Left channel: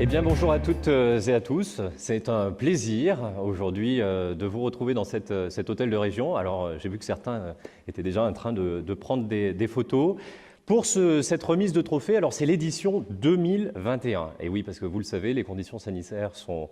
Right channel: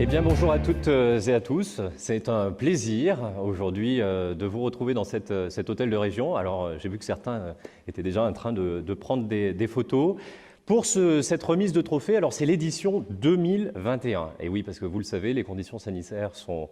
Eh bien, bonjour à toutes et à tous. C'est un plaisir aujourd'hui de vous retrouver dans cet hôtel de région. Alors, j'ai vu que certains étaient déjà en train de prendre des photos. Pour cette remise de trophée, alors c'est l'édition 2021. Et oui, parce que vous le savez, les conditions sanitaires sont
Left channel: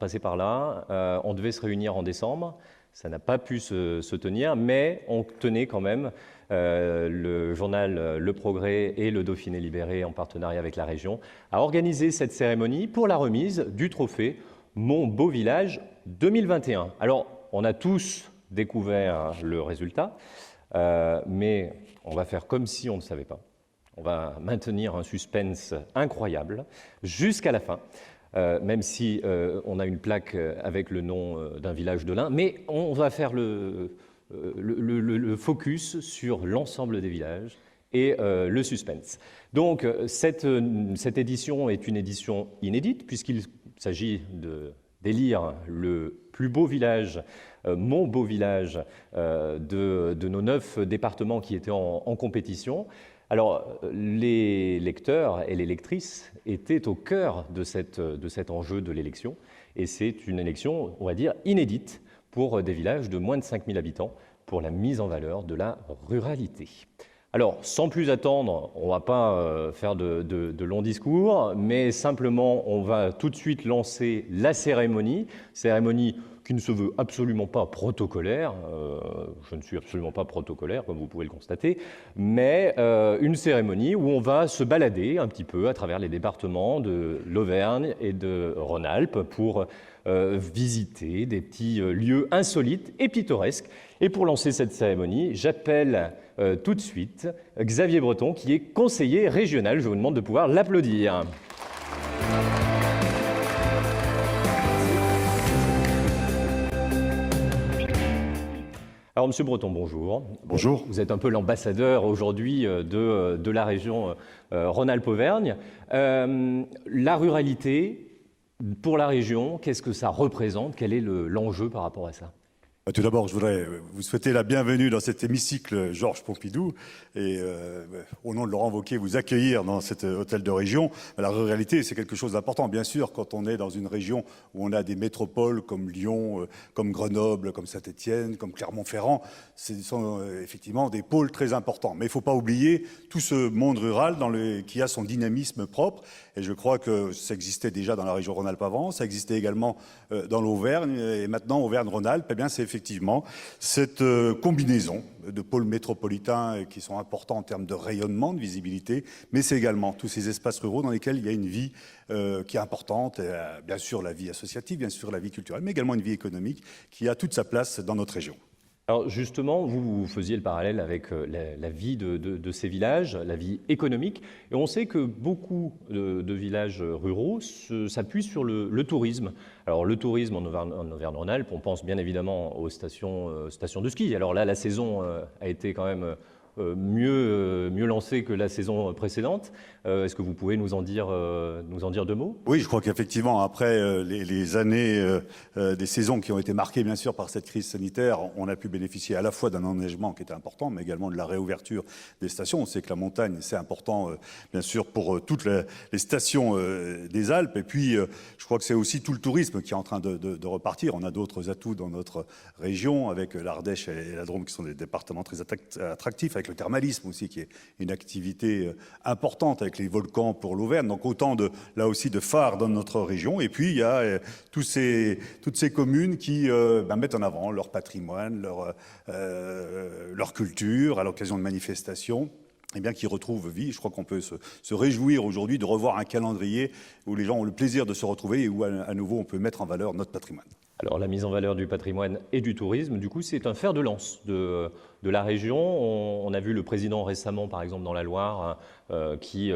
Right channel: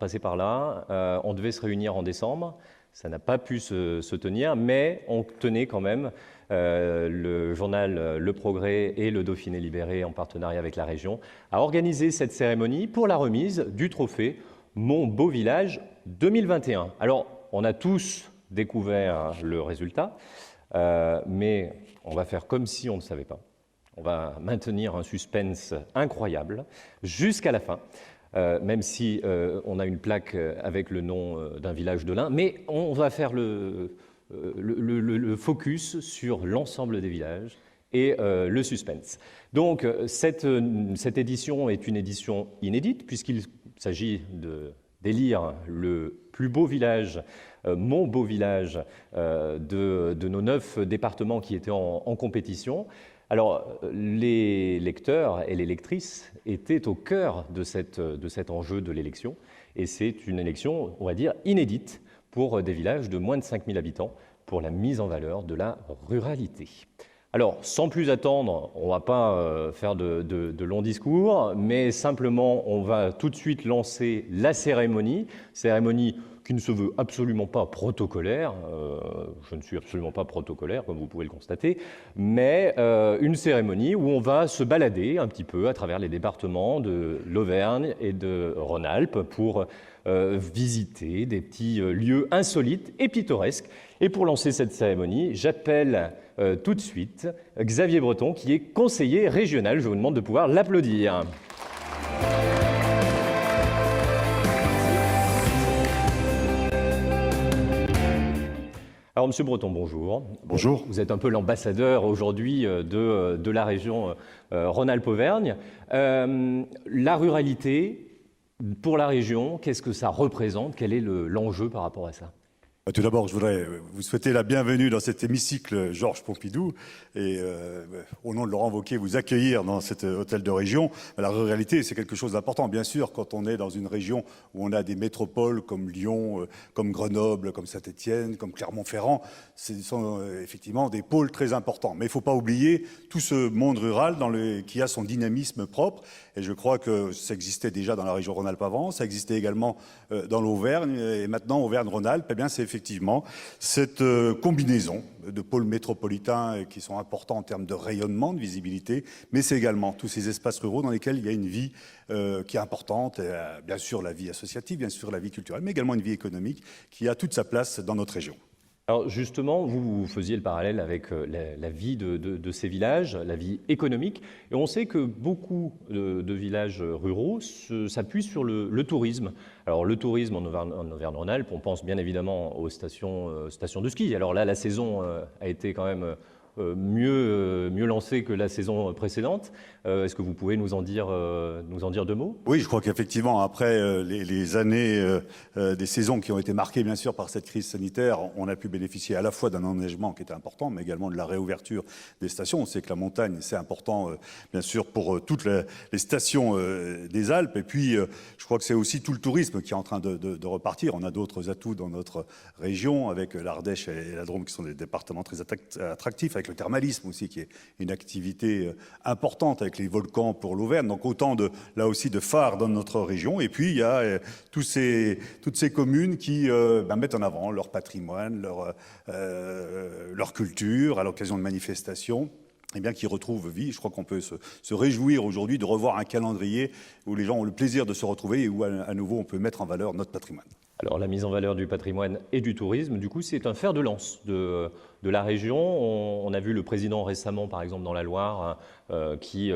passées par là. On devait se réunir en décembre. Ça n'a pas pu se tenir, mais on tenait quand même le journal Le Progrès et le Dauphiné Libéré, en partenariat avec la région, à organiser cette cérémonie pour la remise du trophée Mon Beau Village 2021. Alors, on a tous découvert le résultat, mais on va faire comme si on ne savait pas. On va maintenir un suspense incroyable jusqu'à la fin. Même si on a une plaque avec le nom d'un village de l'Ain, mais on va faire le focus sur l'ensemble des villages et le suspense. Donc cette édition est une édition inédite puisqu'il s'agit d'élire le plus beau village, mon beau village de nos 9 départements qui étaient en compétition. Alors, les lecteurs et les lectrices étaient au cœur de cet enjeu de l'élection, et c'est une élection, on va dire, inédite pour des villages de moins de 5000 habitants, pour la mise en valeur de la ruralité. Alors, sans plus attendre, on ne va pas faire de longs discours, mais simplement, on va tout de suite lancer la cérémonie qui ne se veut absolument pas protocolaire. Je ne suis absolument pas protocolaire, comme vous pouvez le constater, mais une cérémonie où on va se balader un petit peu à travers les départements de l'Auvergne et de Rhône-Alpes pour visiter des petits lieux insolites et pittoresques. Et pour lancer cette cérémonie, j'appelle tout de suite Xavier Breton, qui est conseiller régional. Je vous demande de pouvoir l'applaudir. Alors, Monsieur Breton, bonjour. Bonjour. Vous êtes un peu l'ambassadeur aujourd'hui de la région Rhône-Alpes-Auvergne. La ruralité, pour la région, qu'est-ce que ça représente? Quel est l'enjeu par rapport à ça? Tout d'abord, je voudrais vous souhaiter la bienvenue dans cet hémicycle Georges Pompidou et au nom de Laurent Wauquiez, vous accueillir dans cet hôtel de région. La ruralité, c'est quelque chose d'important. Bien sûr, quand on est dans une région où on a des métropoles comme Lyon, comme Grenoble, comme Saint-Étienne, comme Clermont-Ferrand, ce sont effectivement des pôles très importants. Mais il ne faut pas oublier tout ce monde rural qui a son dynamisme propre. Et je crois que ça existait déjà dans la région Rhône-Alpes avant, ça existait également dans l'Auvergne, et maintenant Auvergne-Rhône-Alpes, eh bien c'est effectivement cette combinaison de pôles métropolitains qui sont importants en termes de rayonnement, de visibilité, mais c'est également tous ces espaces ruraux dans lesquels il y a une vie qui est importante, bien sûr la vie associative, bien sûr la vie culturelle, mais également une vie économique qui a toute sa place dans notre région. Alors justement, vous faisiez le parallèle avec la vie de ces villages, la vie économique, et on sait que beaucoup de villages ruraux s'appuient sur le tourisme. Alors le tourisme en Auvergne-Rhône-Alpes, on pense bien évidemment aux stations de ski. Alors là, la saison a été quand même mieux lancée que la saison précédente. Est-ce que vous pouvez nous en dire 2 mots? Oui, je crois qu'effectivement, après les années des saisons qui ont été marquées, bien sûr, par cette crise sanitaire, on a pu bénéficier à la fois d'un enneigement qui était important, mais également de la réouverture des stations. On sait que la montagne, c'est important, bien sûr, pour toutes les stations des Alpes. Et puis, je crois que c'est aussi tout le tourisme qui est en train de repartir. On a d'autres atouts dans notre région, avec l'Ardèche et la Drôme, qui sont des départements très attractifs, avec le thermalisme aussi, qui est une activité importante, avec les volcans pour l'Auvergne, donc autant là aussi de phares dans notre région. Et puis il y a toutes ces communes qui mettent en avant leur patrimoine, leur culture à l'occasion de manifestations, et bien qui retrouvent vie. Je crois qu'on peut se réjouir aujourd'hui de revoir un calendrier où les gens ont le plaisir de se retrouver et où à nouveau on peut mettre en valeur notre patrimoine. Alors la mise en valeur du patrimoine et du tourisme, du coup, c'est un fer de lance de la région. On a vu le président récemment, par exemple, dans la Loire, qui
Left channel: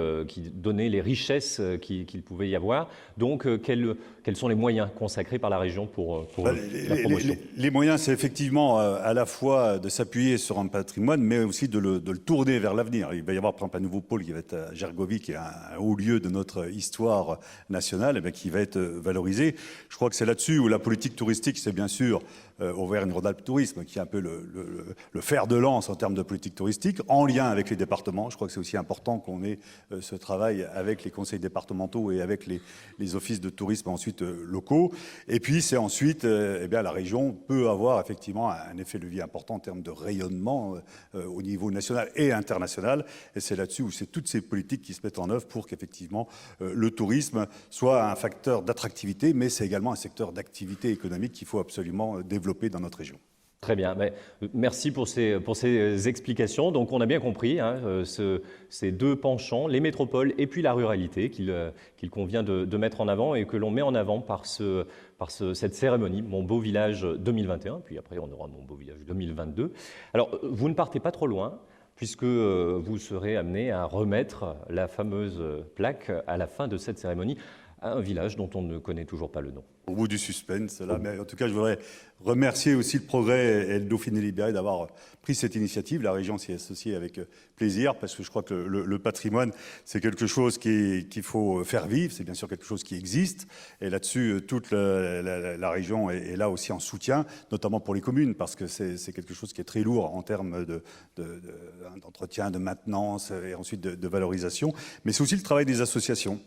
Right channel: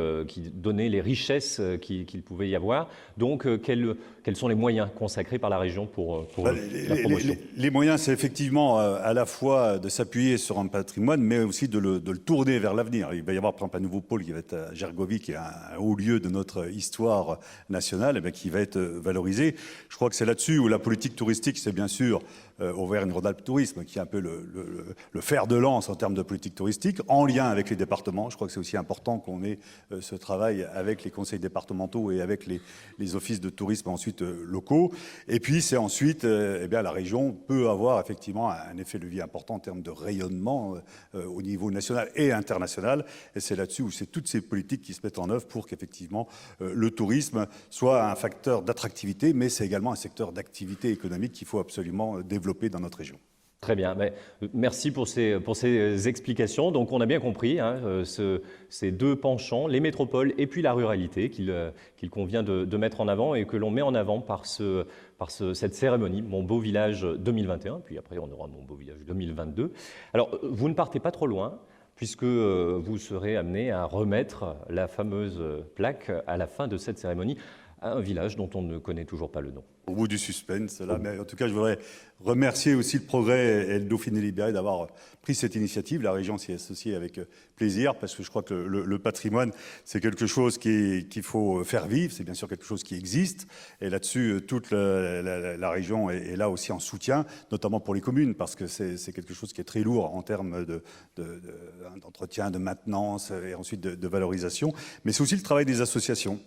donnait les richesses qu'il pouvait y avoir. Donc, quels sont les moyens consacrés par la région pour la promotion? Les moyens, c'est effectivement à la fois de s'appuyer sur un patrimoine, mais aussi de le tourner vers l'avenir. Il va y avoir, par exemple, un nouveau pôle qui va être à Gergovie, qui est un haut lieu de notre histoire nationale, qui va être valorisé. Je crois que c'est là-dessus où la politique touristique, c'est bien sûr Auvergne-Rhône-Alpes Tourisme, qui est un peu le fer de lance en termes de politique touristique, en lien avec les départements. Je crois que c'est aussi important qu'on ait ce travail avec les conseils départementaux et avec les offices de tourisme ensuite locaux. Et puis c'est ensuite, la région peut avoir effectivement un effet levier important en termes de rayonnement au niveau national et international. Et c'est là-dessus où c'est toutes ces politiques qui se mettent en œuvre pour qu'effectivement le tourisme soit un facteur d'attractivité, mais c'est également un secteur d'activité économique qu'il faut absolument développer dans notre région. Très bien. Merci pour ces explications. Donc on a bien compris ces deux penchants, les métropoles et puis la ruralité qu'il convient de mettre en avant et que l'on met en avant par cette cérémonie Mon Beau Village 2021. Puis après on aura Mon Beau Village 2022. Alors vous ne partez pas trop loin, puisque vous serez amené à remettre la fameuse plaque à la fin de cette cérémonie à un village dont on ne connaît toujours pas le nom. Au bout du suspense, là. Mais en tout cas, je voudrais remercier aussi le Progrès et le Dauphiné libéré d'avoir pris cette initiative. La région s'y est associée avec plaisir, parce que je crois que le patrimoine, c'est quelque chose qu'il faut faire vivre. C'est bien sûr quelque chose qui existe. Et là-dessus, toute la région est là aussi en soutien, notamment pour les communes, parce que c'est quelque chose qui est très lourd en termes d'entretien, de maintenance et ensuite de valorisation. Mais c'est aussi le travail des associations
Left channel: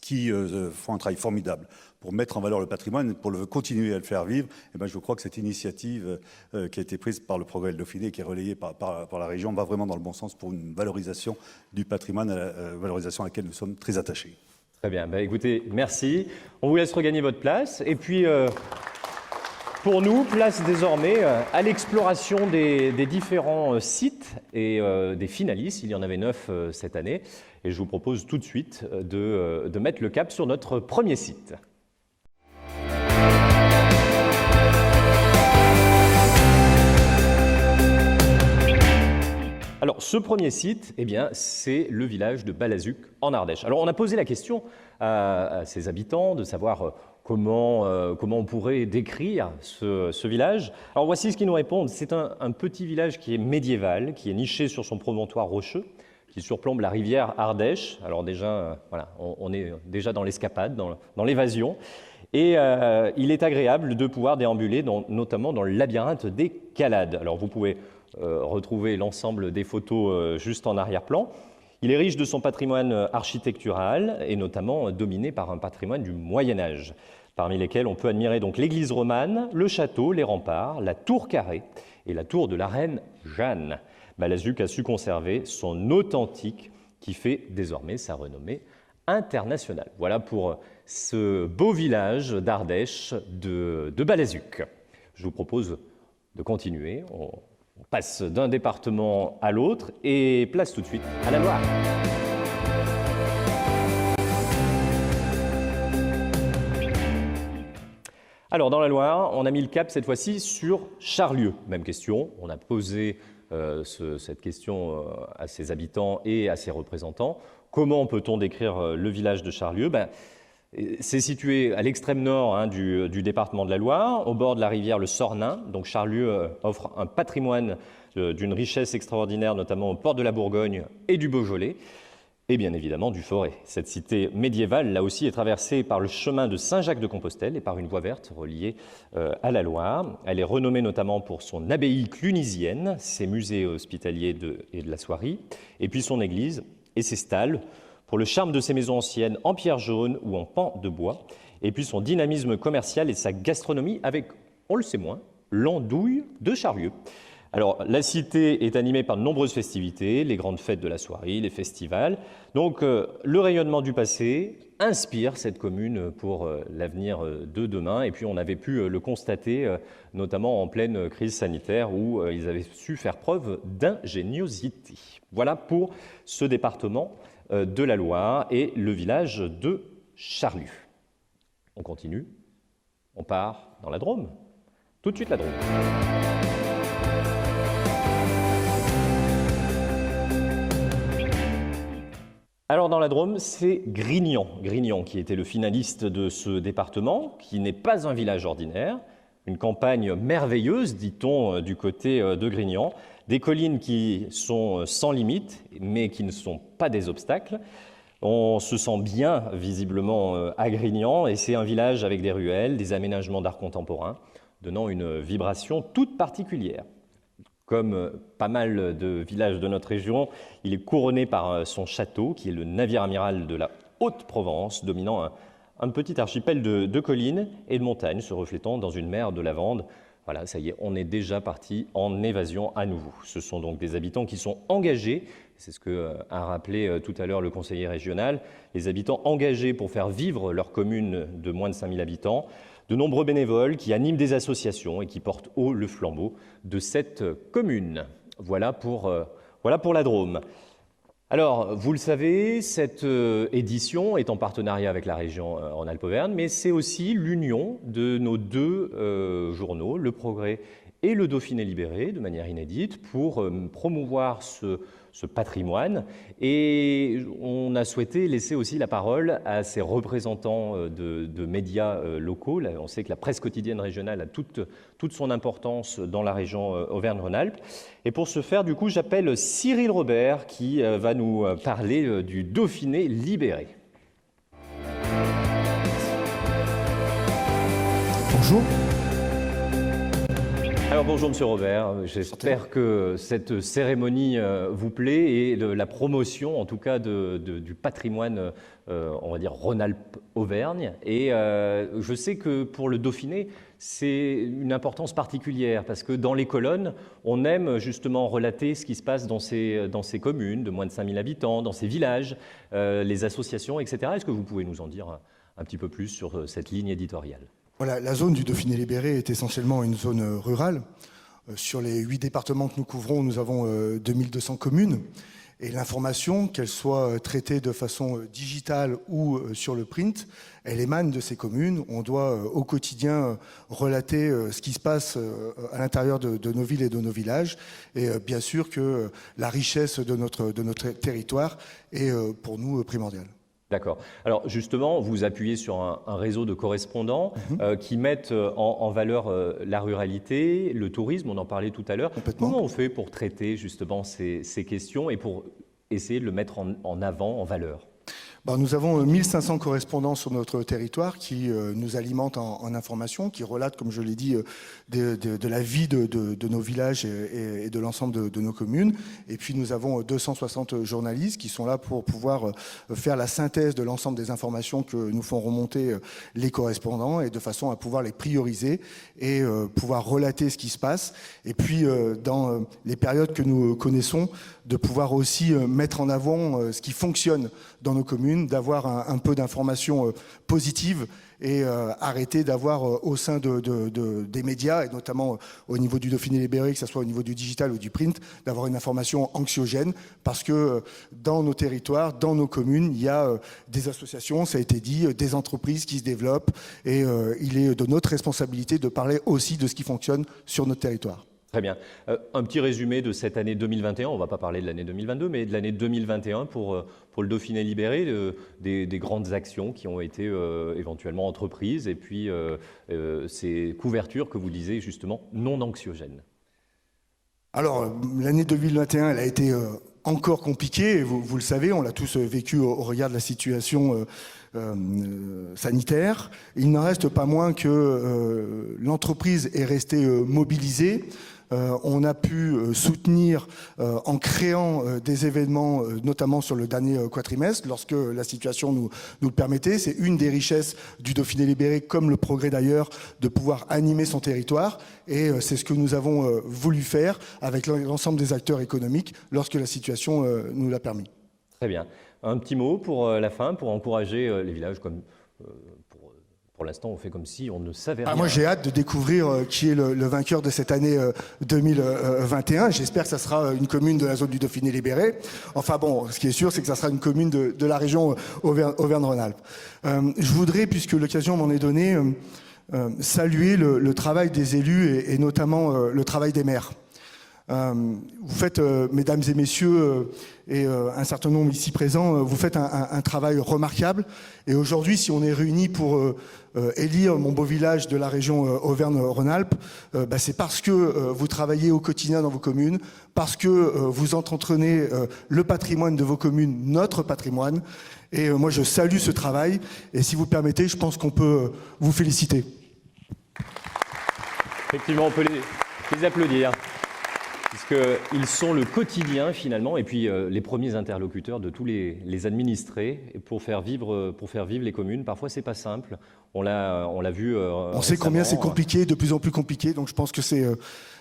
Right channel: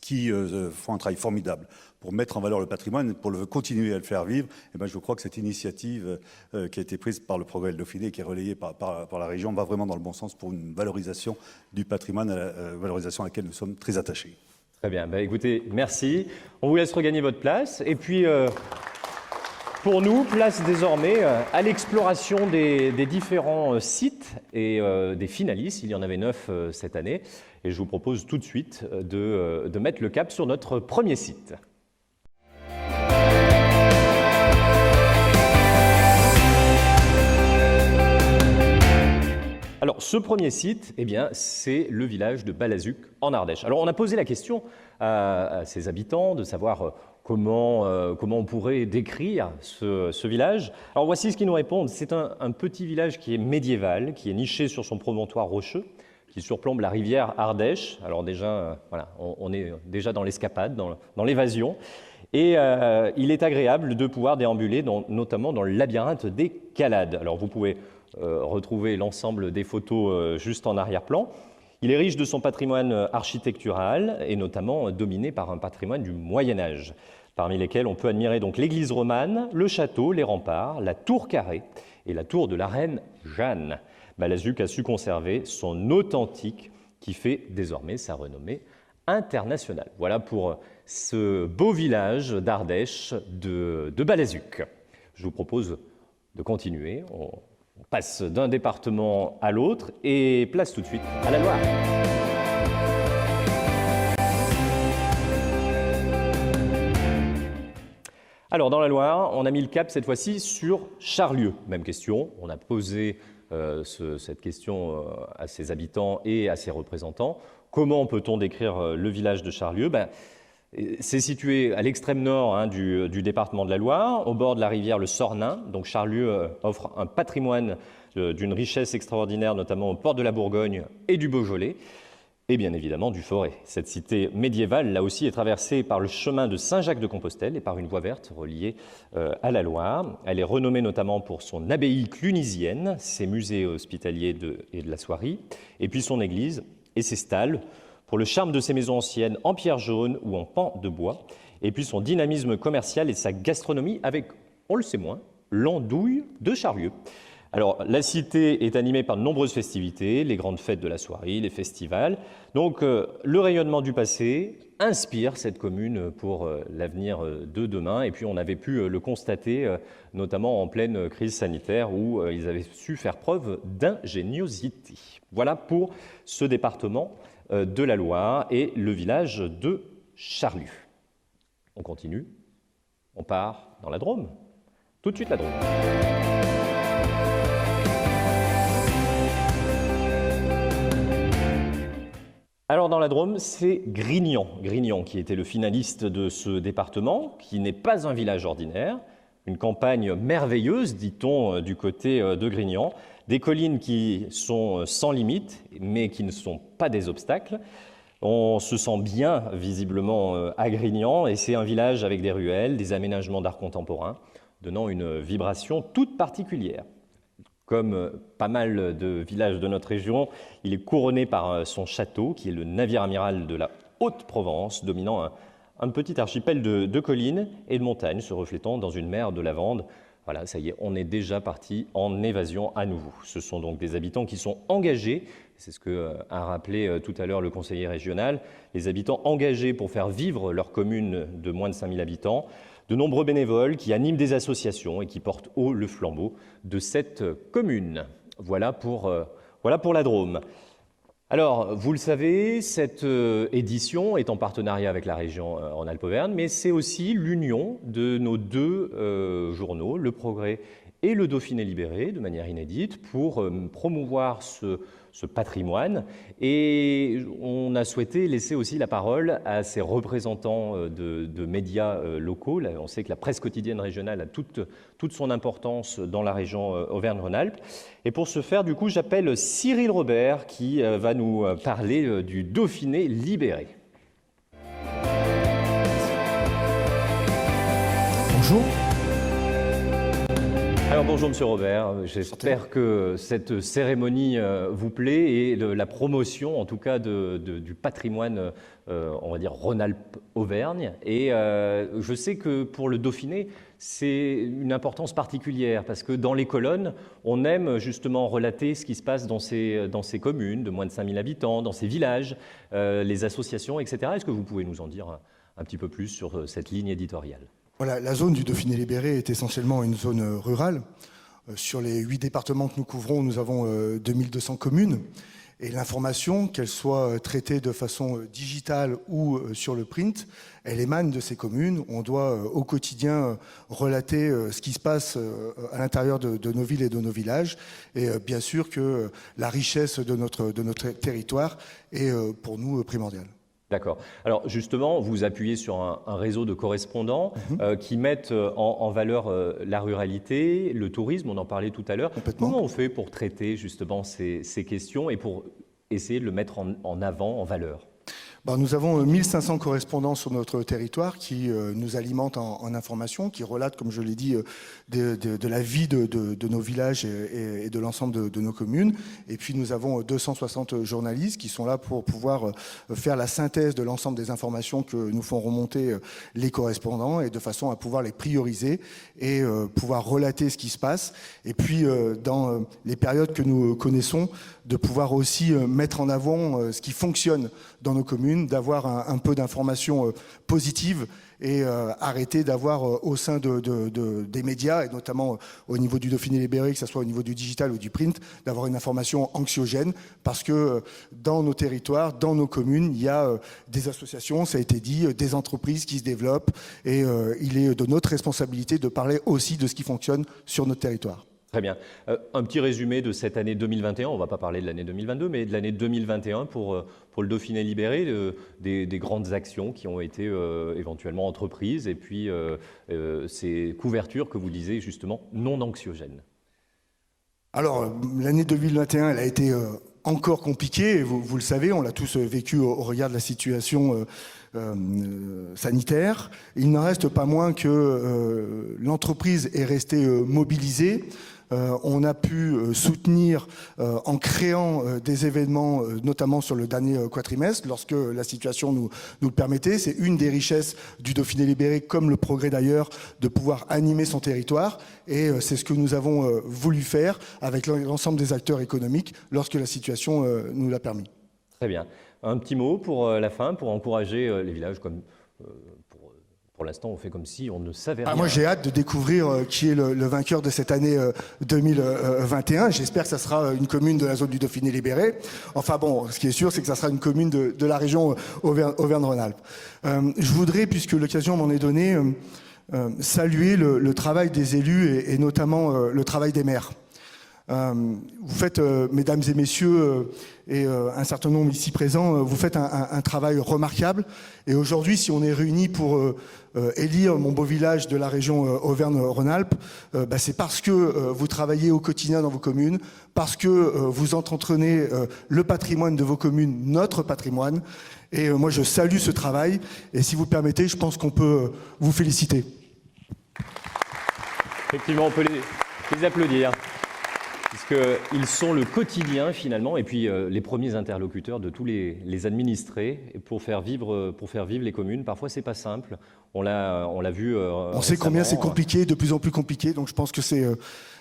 qui font un travail formidable pour mettre en valeur le patrimoine, pour continuer à le faire vivre. Et je crois que cette initiative qui a été prise par le Progrès et le Dauphiné, qui est relayée par la région, va vraiment dans le bon sens pour une valorisation du patrimoine, valorisation à laquelle nous sommes très attachés. Très bien. Écoutez, merci. On vous laisse regagner votre place. Et puis, pour nous, place désormais à l'exploration des différents sites et des finalistes. Il y en avait 9 cette année. Et je vous propose tout de suite de mettre le cap sur notre premier site. Alors, ce premier site, c'est le village de Balazuc, en Ardèche. Alors, on a posé la question à ses habitants de savoir comment on pourrait décrire ce village. Alors, voici ce qu'ils nous répondent. C'est un petit village qui est médiéval, qui est niché sur son promontoire rocheux, qui surplombe la rivière Ardèche. Alors déjà, on est déjà dans l'escapade, dans l'évasion. Et il est agréable de pouvoir déambuler, notamment dans le labyrinthe des Calades. Alors vous pouvez retrouver l'ensemble des photos juste en arrière-plan. Il est riche de son patrimoine architectural et notamment dominé par un patrimoine du Moyen-Âge, parmi lesquels on peut admirer donc l'église romane, le château, les remparts, la tour carrée et la tour de la reine Jeanne. Balazuc a su conserver son authentique qui fait désormais sa renommée internationale. Voilà pour ce beau village d'Ardèche de Balazuc. Je vous propose de continuer. On passe d'un département à l'autre et place tout de suite à la Loire. Alors dans la Loire, on a mis le cap cette fois-ci sur Charlieu. Même question, on a posé cette question à ses habitants et à ses représentants. Comment peut-on décrire le village de Charlieu ? C'est situé à l'extrême nord du département de la Loire, au bord de la rivière le Sornin. Donc Charlieu offre un patrimoine d'une richesse extraordinaire, notamment au port de la Bourgogne et du Beaujolais, et bien évidemment du Forêt. Cette cité médiévale, là aussi, est traversée par le chemin de Saint-Jacques-de-Compostelle et par une voie verte reliée à la Loire. Elle est renommée notamment pour son abbaye clunisienne, ses musées hospitaliers et de la soierie, et puis son église et ses stalles, pour le charme de ses maisons anciennes en pierre jaune ou en pan de bois, et puis son dynamisme commercial et sa gastronomie avec, on le sait moins, l'andouille de Charlieu. Alors, la cité est animée par de nombreuses festivités, les grandes fêtes de la soirée, les festivals. Donc, le rayonnement du passé inspire cette commune pour l'avenir de demain. Et puis, on avait pu le constater, notamment en pleine crise sanitaire, où ils avaient su faire preuve d'ingéniosité. Voilà pour ce département de la Loire et le village de Charlieu. On continue, on part dans la Drôme. Tout de suite la Drôme. Alors dans la Drôme, c'est Grignan. Grignan qui était le finaliste de ce département, qui n'est pas un village ordinaire, une campagne merveilleuse, dit-on, du côté de Grignan. Des collines qui sont sans limite, mais qui ne sont pas des obstacles. On se sent bien, visiblement, à Grignan, et c'est un village avec des ruelles, des aménagements d'art contemporain, donnant une vibration toute particulière. Comme pas mal de villages de notre région, il est couronné par son château, qui est le navire amiral de la Haute-Provence, dominant un petit archipel de collines et de montagnes, se reflétant dans une mer de lavande. Voilà, ça y est, on est déjà parti en évasion à nouveau. Ce sont donc des habitants qui sont engagés, c'est ce qu'a rappelé tout à l'heure le conseiller régional, les habitants engagés pour faire vivre leur commune de moins de 5000 habitants, de nombreux bénévoles qui animent des associations et qui portent haut le flambeau de cette commune. Voilà pour la Drôme. Alors, vous le savez, cette édition est en partenariat avec la région en Alpes-Auvergne, mais c'est aussi l'union de nos deux journaux, Le Progrès et Le Dauphiné Libéré, de manière inédite, pour promouvoir ce patrimoine. Et on a souhaité laisser aussi la parole à ces représentants de médias locaux. Là, on sait que la presse quotidienne régionale a toute son importance dans la région Auvergne-Rhône-Alpes. Et pour ce faire, du coup, j'appelle Cyril Robert qui va nous parler du Dauphiné Libéré. Bonjour. Bonjour Monsieur Robert, j'espère que cette cérémonie vous plaît et de la promotion en tout cas du patrimoine, on va dire Rhône-Alpes-Auvergne. Et je sais que pour le Dauphiné, c'est une importance particulière parce que dans les colonnes, on aime justement relater ce qui se passe dans ces communes de moins de 5000 habitants, dans ces villages, les associations, etc. Est-ce que vous pouvez nous en dire un petit peu plus sur cette ligne éditoriale ? Voilà, la zone du Dauphiné libéré est essentiellement une zone rurale. Sur les 8 départements que nous couvrons, nous avons 2200 communes. Et l'information, qu'elle soit traitée de façon digitale ou sur le print, elle émane de ces communes. On doit au quotidien relater ce qui se passe à l'intérieur de nos villes et de nos villages. Et bien sûr que la richesse de notre territoire est pour nous primordiale. D'accord. Alors justement, vous appuyez sur un réseau de correspondants qui mettent en valeur la ruralité, le tourisme, on en parlait tout à l'heure. Comment on fait pour traiter justement ces questions et pour essayer de le mettre en avant, en valeur ? Nous avons 1500 correspondants sur notre territoire qui nous alimentent en informations, qui relatent, comme je l'ai dit, de la vie de nos villages et de l'ensemble de nos communes. Et puis nous avons 260 journalistes qui sont là pour pouvoir faire la synthèse de l'ensemble des informations que nous font remonter les correspondants et de façon à pouvoir les prioriser et pouvoir relater ce qui se passe. Et puis dans les périodes que nous connaissons, de pouvoir aussi mettre en avant ce qui fonctionne dans nos communes, d'avoir un peu d'informations positives et arrêter d'avoir au sein des médias, et notamment au niveau du Dauphiné libéré, que ce soit au niveau du digital ou du print, d'avoir une information anxiogène, parce que dans nos territoires, dans nos communes, il y a des associations, ça a été dit, des entreprises qui se développent, et il est de notre responsabilité de parler aussi de ce qui fonctionne sur notre territoire. Très bien. Un petit résumé de cette année 2021, on ne va pas parler de l'année 2022, mais de l'année 2021 pour le Dauphiné libéré, des grandes actions qui ont été éventuellement entreprises et puis ces couvertures que vous disiez justement non anxiogènes. Alors, l'année 2021, elle a été encore compliquée, vous le savez, on l'a tous vécu au regard de la situation sanitaire. Il n'en reste pas moins que l'entreprise est restée mobilisée. On a pu soutenir en créant des événements, notamment sur le dernier quadrimestre, lorsque la situation nous le permettait. C'est une des richesses du Dauphiné libéré, comme le Progrès d'ailleurs, de pouvoir animer son territoire. Et c'est ce que nous avons voulu faire avec l'ensemble des acteurs économiques lorsque la situation nous l'a permis. Très bien. Un petit mot pour la fin, pour encourager les villages comme... Pour l'instant, on fait comme si on ne savait rien. Moi, j'ai hâte de découvrir qui est le vainqueur de cette année 2021. J'espère que ça sera une commune de la zone du Dauphiné libéré. Enfin bon, ce qui est sûr, c'est que ça sera une commune de la région Auvergne-Rhône-Alpes. Je voudrais, puisque l'occasion m'en est donnée, saluer le travail des élus et notamment le travail des maires. Vous faites, mesdames et messieurs, et un certain nombre ici présents, vous faites un travail remarquable. Et aujourd'hui, si on est réunis pour élire mon beau village de la région Auvergne-Rhône-Alpes, c'est parce que vous travaillez au quotidien dans vos communes, parce que vous entretenez le patrimoine de vos communes, notre patrimoine. Et moi, je salue ce travail. Et si vous permettez, je pense qu'on peut vous féliciter. Effectivement, on peut les applaudir, puisqu'ils sont le quotidien finalement, et puis les premiers interlocuteurs de tous les administrés pour faire vivre les communes. Parfois, c'est pas simple. On l'a vu. On sait combien c'est compliqué, de plus en plus compliqué. Donc, je pense que c'est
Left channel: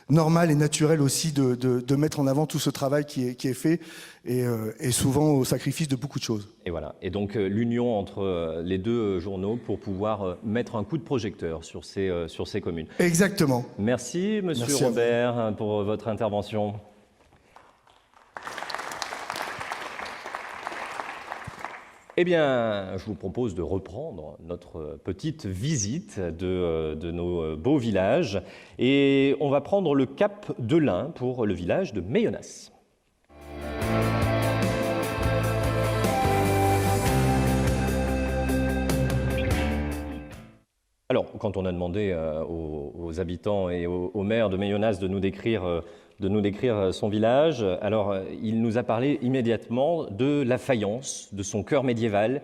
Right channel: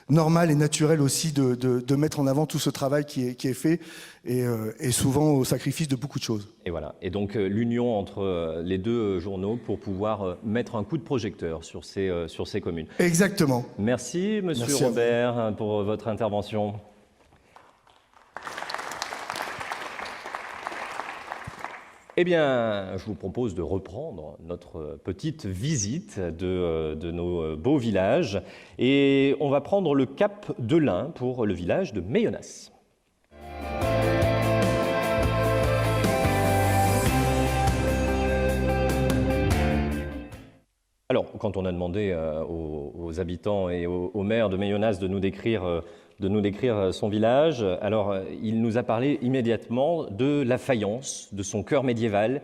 normal et naturel aussi de mettre en avant tout ce travail qui est fait, et souvent au sacrifice de beaucoup de choses. Et voilà. Et donc l'union entre les deux journaux pour pouvoir mettre un coup de projecteur sur ces communes. Exactement. Merci, Monsieur Robert, pour votre intervention. Eh bien, je vous propose de reprendre notre petite visite de nos beaux villages, et on va prendre le cap de l'Ain pour le village de Méyonas. Alors, quand on a demandé aux habitants et aux maires de Méyonas de nous décrire son village, alors il nous a parlé immédiatement de la faïence, de son cœur médiéval,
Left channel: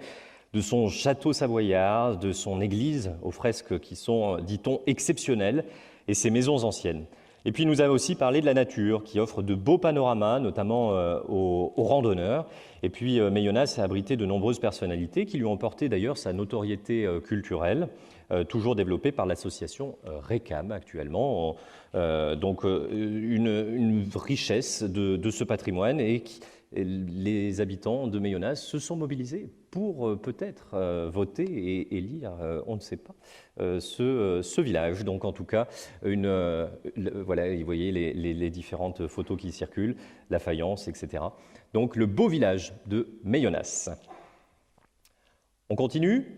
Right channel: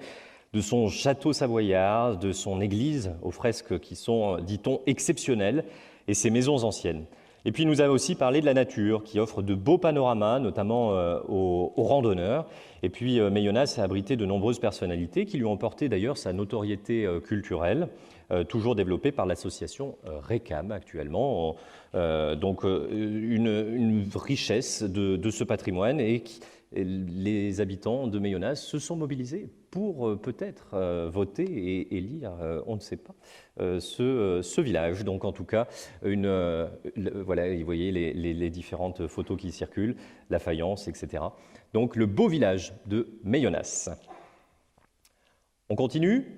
de son château savoyard, de son église aux fresques qui sont, dit-on, exceptionnelles, et ses maisons anciennes. Et puis il nous a aussi parlé de la nature qui offre de beaux panoramas, notamment aux randonneurs. Et puis Méyonas a abrité de nombreuses personnalités qui lui ont porté d'ailleurs sa notoriété culturelle, toujours développée par l'association RECAM actuellement. Donc une richesse de ce patrimoine, et les habitants de Méyonas se sont mobilisés pour peut-être voter et élire, on ne sait pas, ce village. Donc en tout cas, voilà, vous voyez les différentes photos qui circulent, la faïence, etc. Donc le beau village de Méyonas. On continue.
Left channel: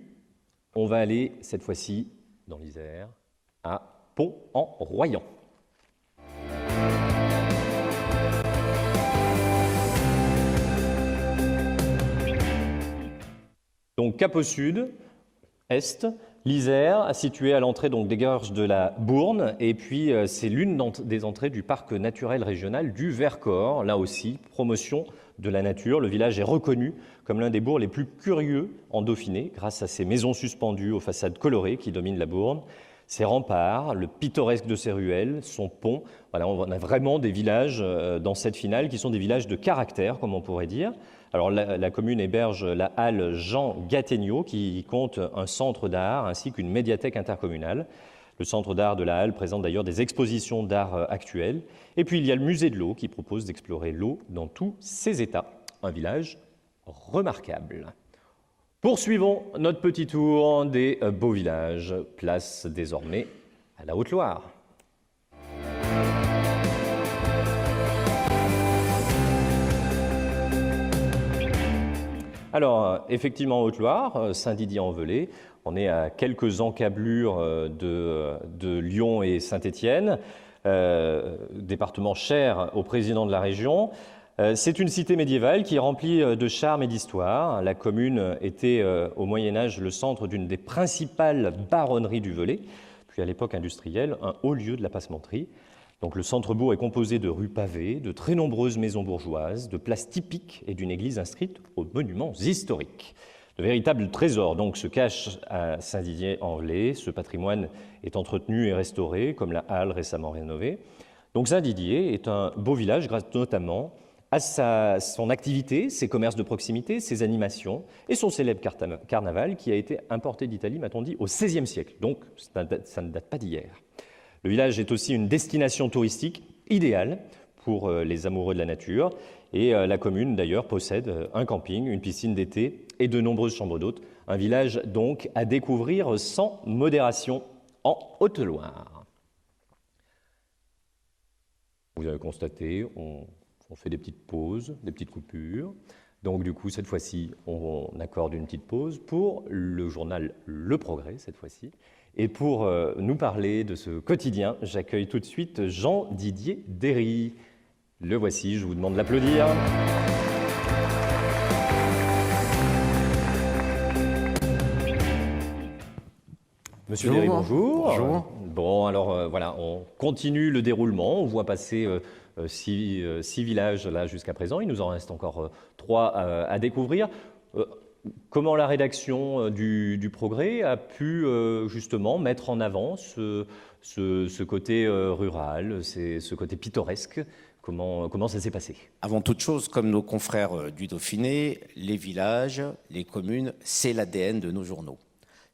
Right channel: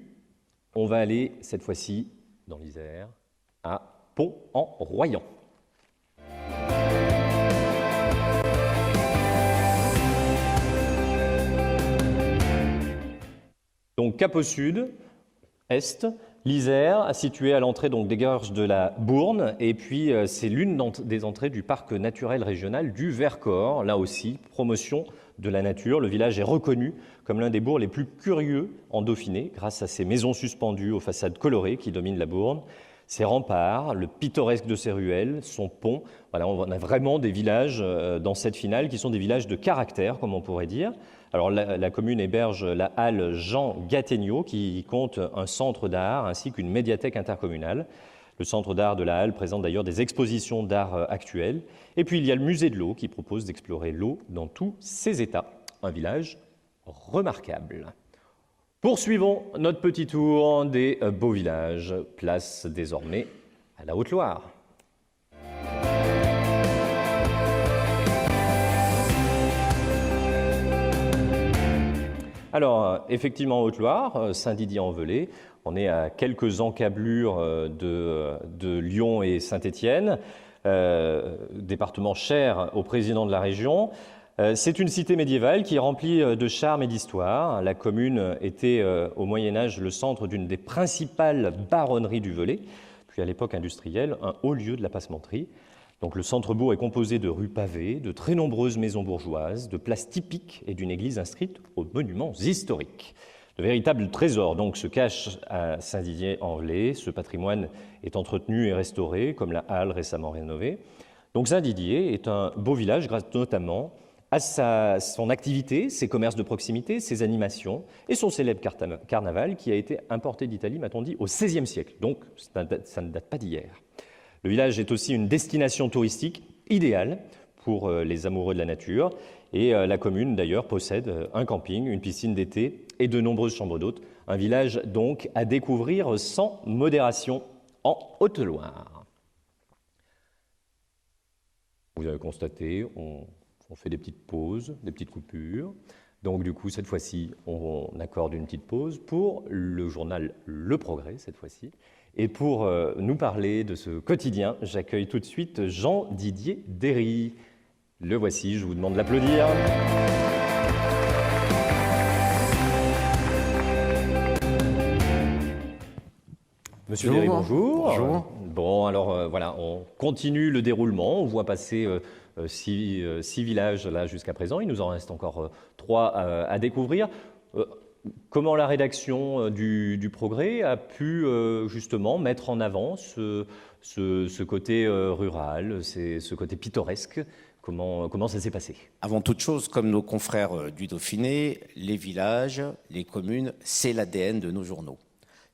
On va aller cette fois-ci dans l'Isère, à Pont-en-Royans. Donc cap au sud, est, l'Isère, située à l'entrée donc des gorges de la Bourne, et puis c'est l'une des entrées du parc naturel régional du Vercors. Là aussi, promotion de la nature. Le village est reconnu comme l'un des bourgs les plus curieux en Dauphiné, grâce à ses maisons suspendues aux façades colorées qui dominent la Bourne, ses remparts, le pittoresque de ses ruelles, son pont. Voilà, on a vraiment des villages dans cette finale qui sont des villages de caractère, comme on pourrait dire. Alors la commune héberge la halle Jean Gattegno, qui compte un centre d'art ainsi qu'une médiathèque intercommunale. Le centre d'art de la halle présente d'ailleurs des expositions d'art actuelles. Et puis il y a le musée de l'eau qui propose d'explorer l'eau dans tous ses états. Un village remarquable. Poursuivons notre petit tour des beaux villages. Place désormais à la Haute-Loire. Alors, effectivement, en Haute-Loire, Saint-Didier-en-Velay, on est à quelques encablures de Lyon et Saint-Étienne, département cher au président de la région. C'est une cité médiévale qui est remplie de charme et d'histoire. La commune était au Moyen-Âge le centre d'une des principales baronneries du Velay, puis à l'époque industrielle, un haut lieu de la passementerie. Donc le centre-bourg est composé de rues pavées, de très nombreuses maisons bourgeoises, de places typiques et d'une église inscrite aux monuments historiques. De véritables trésors donc se cachent à Saint-Didier-en-Velay. Ce patrimoine est entretenu et restauré, comme la halle récemment rénovée. Donc Saint-Didier est un beau village grâce notamment à son activité, ses commerces de proximité, ses animations et son célèbre carnaval qui a été importé d'Italie, m'a-t-on dit, au XVIe siècle. Donc ça ne date pas d'hier. Le village est aussi une destination touristique idéale pour les amoureux de la nature. Et la commune, d'ailleurs, possède un camping, une piscine d'été et de nombreuses chambres d'hôtes. Un village, donc, à découvrir sans modération en Haute-Loire. Vous avez constaté, on fait des petites pauses, des petites coupures. Donc, du coup, cette fois-ci, on accorde une petite pause pour le journal Le Progrès, cette fois-ci. Et pour nous parler de ce quotidien, j'accueille tout de suite Jean-Didier Derry. Le voici, je vous demande de l'applaudir. Monsieur Derry, bonjour. Bonjour. Bon, alors voilà, on continue le déroulement. On voit passer 6 villages là jusqu'à présent. Il nous en reste encore 3 à découvrir. Comment la rédaction du Progrès a pu justement mettre en avant ce côté rural, ce côté pittoresque. Comment ça s'est passé? Avant toute chose, comme nos confrères du Dauphiné, les villages, les communes, c'est l'ADN de nos journaux.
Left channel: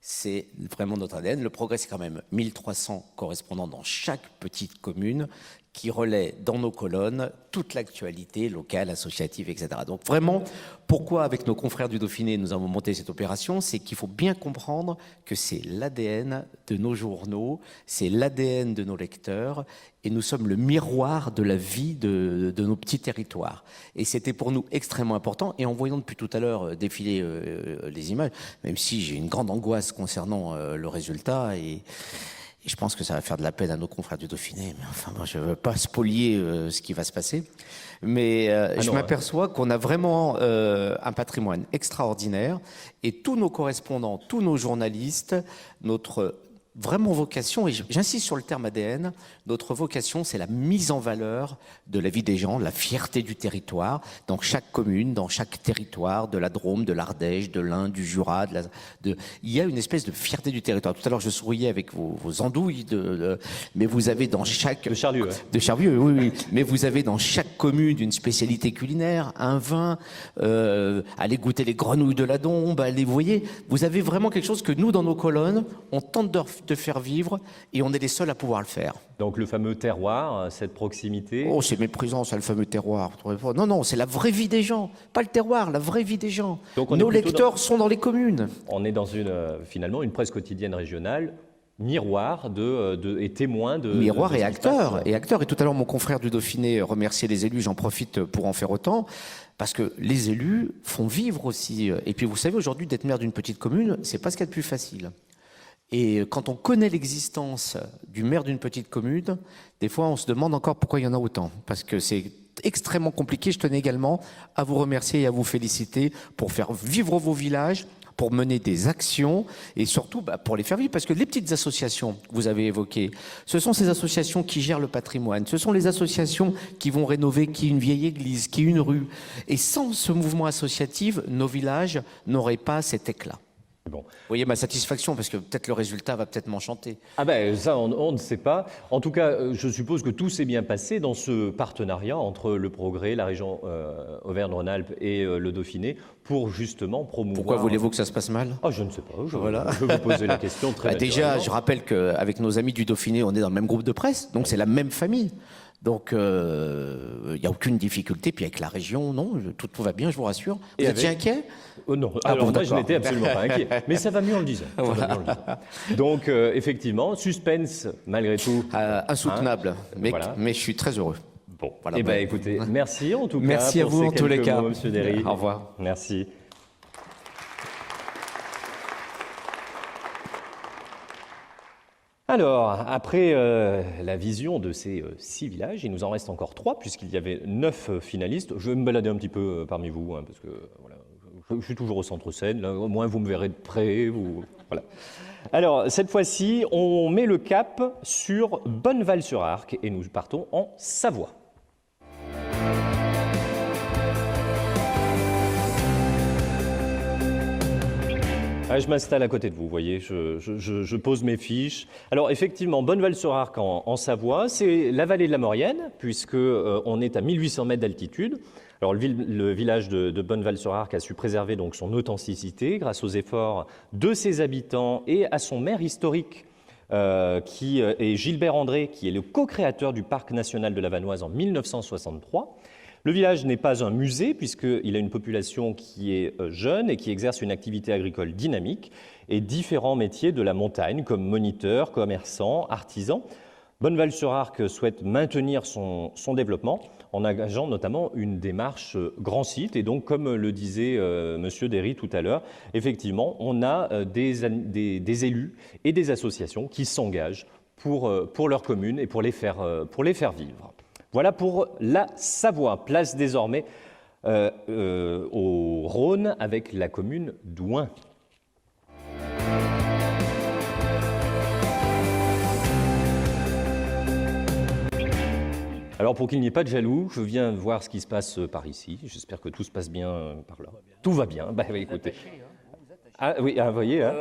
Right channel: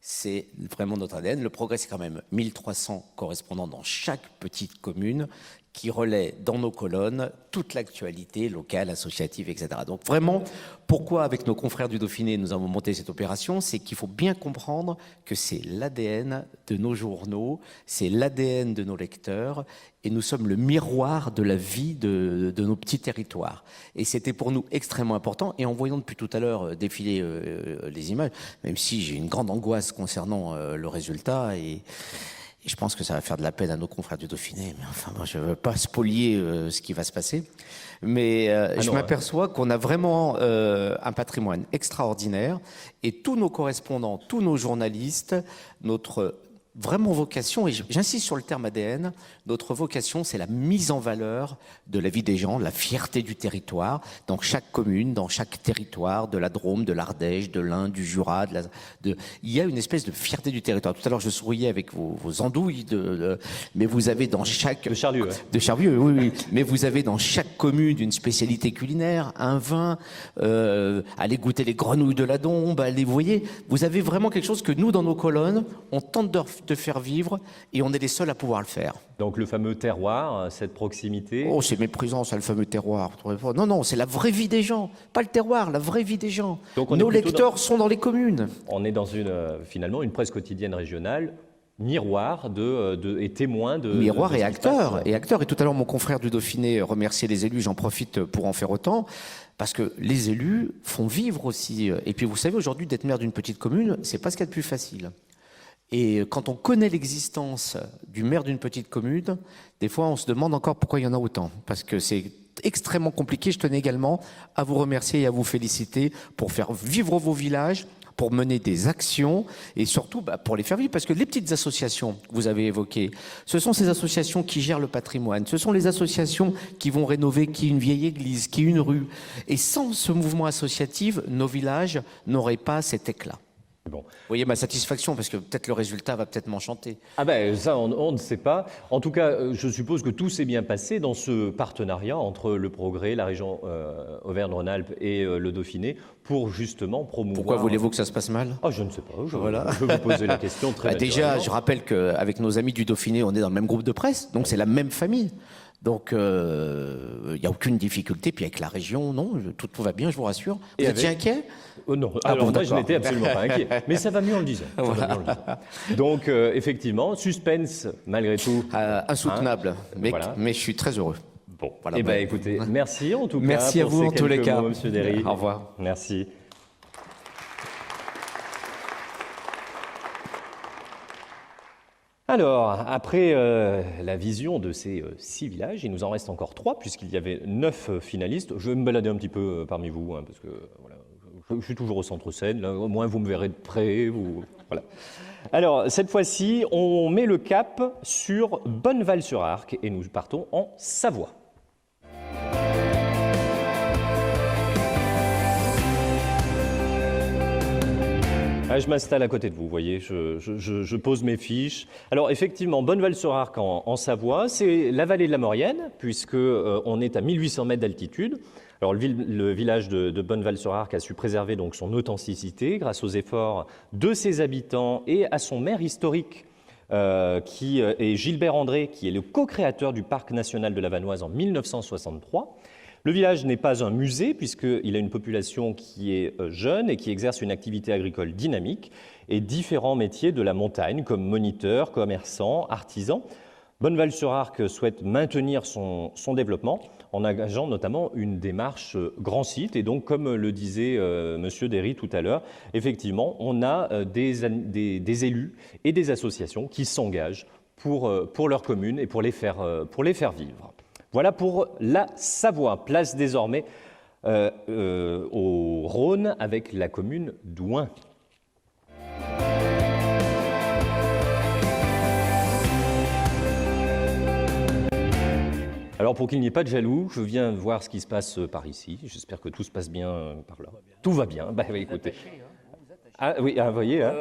C'est vraiment notre ADN. Le Progrès, c'est quand même 1300 correspondants dans chaque petite commune qui relaient dans nos colonnes toute l'actualité locale, associative, etc. Donc vraiment, pourquoi avec nos confrères du Dauphiné nous avons monté cette opération, c'est qu'il faut bien comprendre que c'est l'ADN de nos journaux, c'est l'ADN de nos lecteurs, et nous sommes le miroir de la vie de nos petits territoires. Et c'était pour nous extrêmement important. Et en voyant depuis tout à l'heure défiler les images, même si j'ai une grande angoisse concernant le résultat, et je pense que ça va faire de la peine à nos confrères du Dauphiné, mais enfin, moi, je ne veux pas spolier ce qui va se passer. Mais je m'aperçois qu'on a vraiment un patrimoine extraordinaire, et tous nos correspondants, tous nos journalistes, notre vraiment vocation, et j'insiste sur le terme ADN, notre vocation, c'est la mise en valeur de la vie des gens, la fierté du territoire, dans chaque commune, dans chaque territoire, de la Drôme, de l'Ardèche, de l'Ain, du Jura. Il y a une espèce de fierté du territoire. Tout à l'heure, je souriais avec vos andouilles, mais vous avez dans chaque... De Charlieu. Ouais. De Charlieu, oui. Mais vous avez dans chaque commune une spécialité culinaire, un vin, allez goûter les grenouilles de la Dombe, vous voyez, vous avez vraiment quelque chose que nous, dans nos colonnes, on tente de faire vivre, et on est les seuls à pouvoir le faire. Donc le fameux terroir, cette proximité. Oh, c'est méprisant, ça, le fameux terroir. Non, c'est la vraie vie des gens. Pas le terroir, la vraie vie des gens. Donc nos lecteurs sont dans les communes. On est dans finalement une presse quotidienne régionale, miroir et témoin de... Miroir et acteur. Et tout à l'heure, mon confrère du Dauphiné remerciait les élus, j'en profite pour en faire autant. Parce que les élus font vivre aussi. Et puis vous savez, aujourd'hui, d'être maire d'une petite commune, c'est pas ce qu'il y a de plus facile. Et quand on connaît l'existence du maire d'une petite commune, des fois on se demande encore pourquoi il y en a autant. Parce que c'est extrêmement compliqué. Je tenais également à vous remercier et à vous féliciter pour faire vivre vos villages, pour mener des actions et surtout pour les faire vivre. Parce que les petites associations que vous avez évoquées, ce sont ces associations qui gèrent le patrimoine, ce sont les associations qui vont rénover une vieille église, une rue. Et sans ce mouvement associatif, nos villages n'auraient pas cet éclat. Bon. Vous voyez ma satisfaction, parce que peut-être le résultat va peut-être m'enchanter. Ah ben ça, on ne sait pas. En tout cas, je suppose que tout s'est bien passé dans ce partenariat entre le Progrès, la région Auvergne-Rhône-Alpes et le Dauphiné pour justement promouvoir... Pourquoi voulez-vous que ça se passe mal? Ah, je ne sais pas. Je vais vous poser la question très déjà, je rappelle qu'avec nos amis du Dauphiné, on est dans le même groupe de presse, donc c'est la même famille. Donc, il n'y a aucune difficulté. Puis avec la région, non, tout va bien, je vous rassure. Vous étiez inquiet? Non, alors moi je n'étais absolument pas inquiet. Mais ça va mieux en le disant. Donc, effectivement, suspense malgré tout. Insoutenable, mais je suis très heureux. Bon, voilà, écoutez, merci en tout cas. Merci à vous en tous les cas. Monsieur Derry. Au revoir. Merci. Alors, après la vision de ces 6 villages, il nous en reste encore 3, puisqu'il y avait 9 finalistes. Je vais me balader un petit peu parmi vous, parce que voilà, je suis toujours au centre-scène, au moins vous me verrez de près. Voilà. Alors, cette fois-ci, on met le cap sur Bonneval-sur-Arc, et nous partons en Savoie. Je m'installe à côté de vous, vous voyez, je pose mes fiches. Alors effectivement, Bonneval-sur-Arc en Savoie, c'est la vallée de la Maurienne, puisque on est à 1800 mètres d'altitude. Alors le village de Bonneval-sur-Arc a su préserver donc son authenticité grâce aux efforts de ses habitants et à son maire historique, qui est Gilbert André, qui est le co-créateur du parc national de la Vanoise en 1963. Le village n'est pas un musée puisqu'il a une population qui est jeune et qui exerce une activité agricole dynamique et différents métiers de la montagne comme moniteur, commerçant, artisan. Bonneval-sur-Arc souhaite maintenir son développement en engageant notamment une démarche grand site. Et donc, comme le disait Monsieur Derry tout à l'heure, effectivement, on a des élus et des associations qui s'engagent pour leur commune et pour les faire vivre. Voilà pour la Savoie. Place désormais au Rhône avec la commune d'Ouin. Alors pour qu'il n'y ait pas de jaloux, je viens voir ce qui se passe par ici. J'espère que tout se passe bien par là. Tout va bien. Bah écoutez. Ah oui, vous voyez. Hein.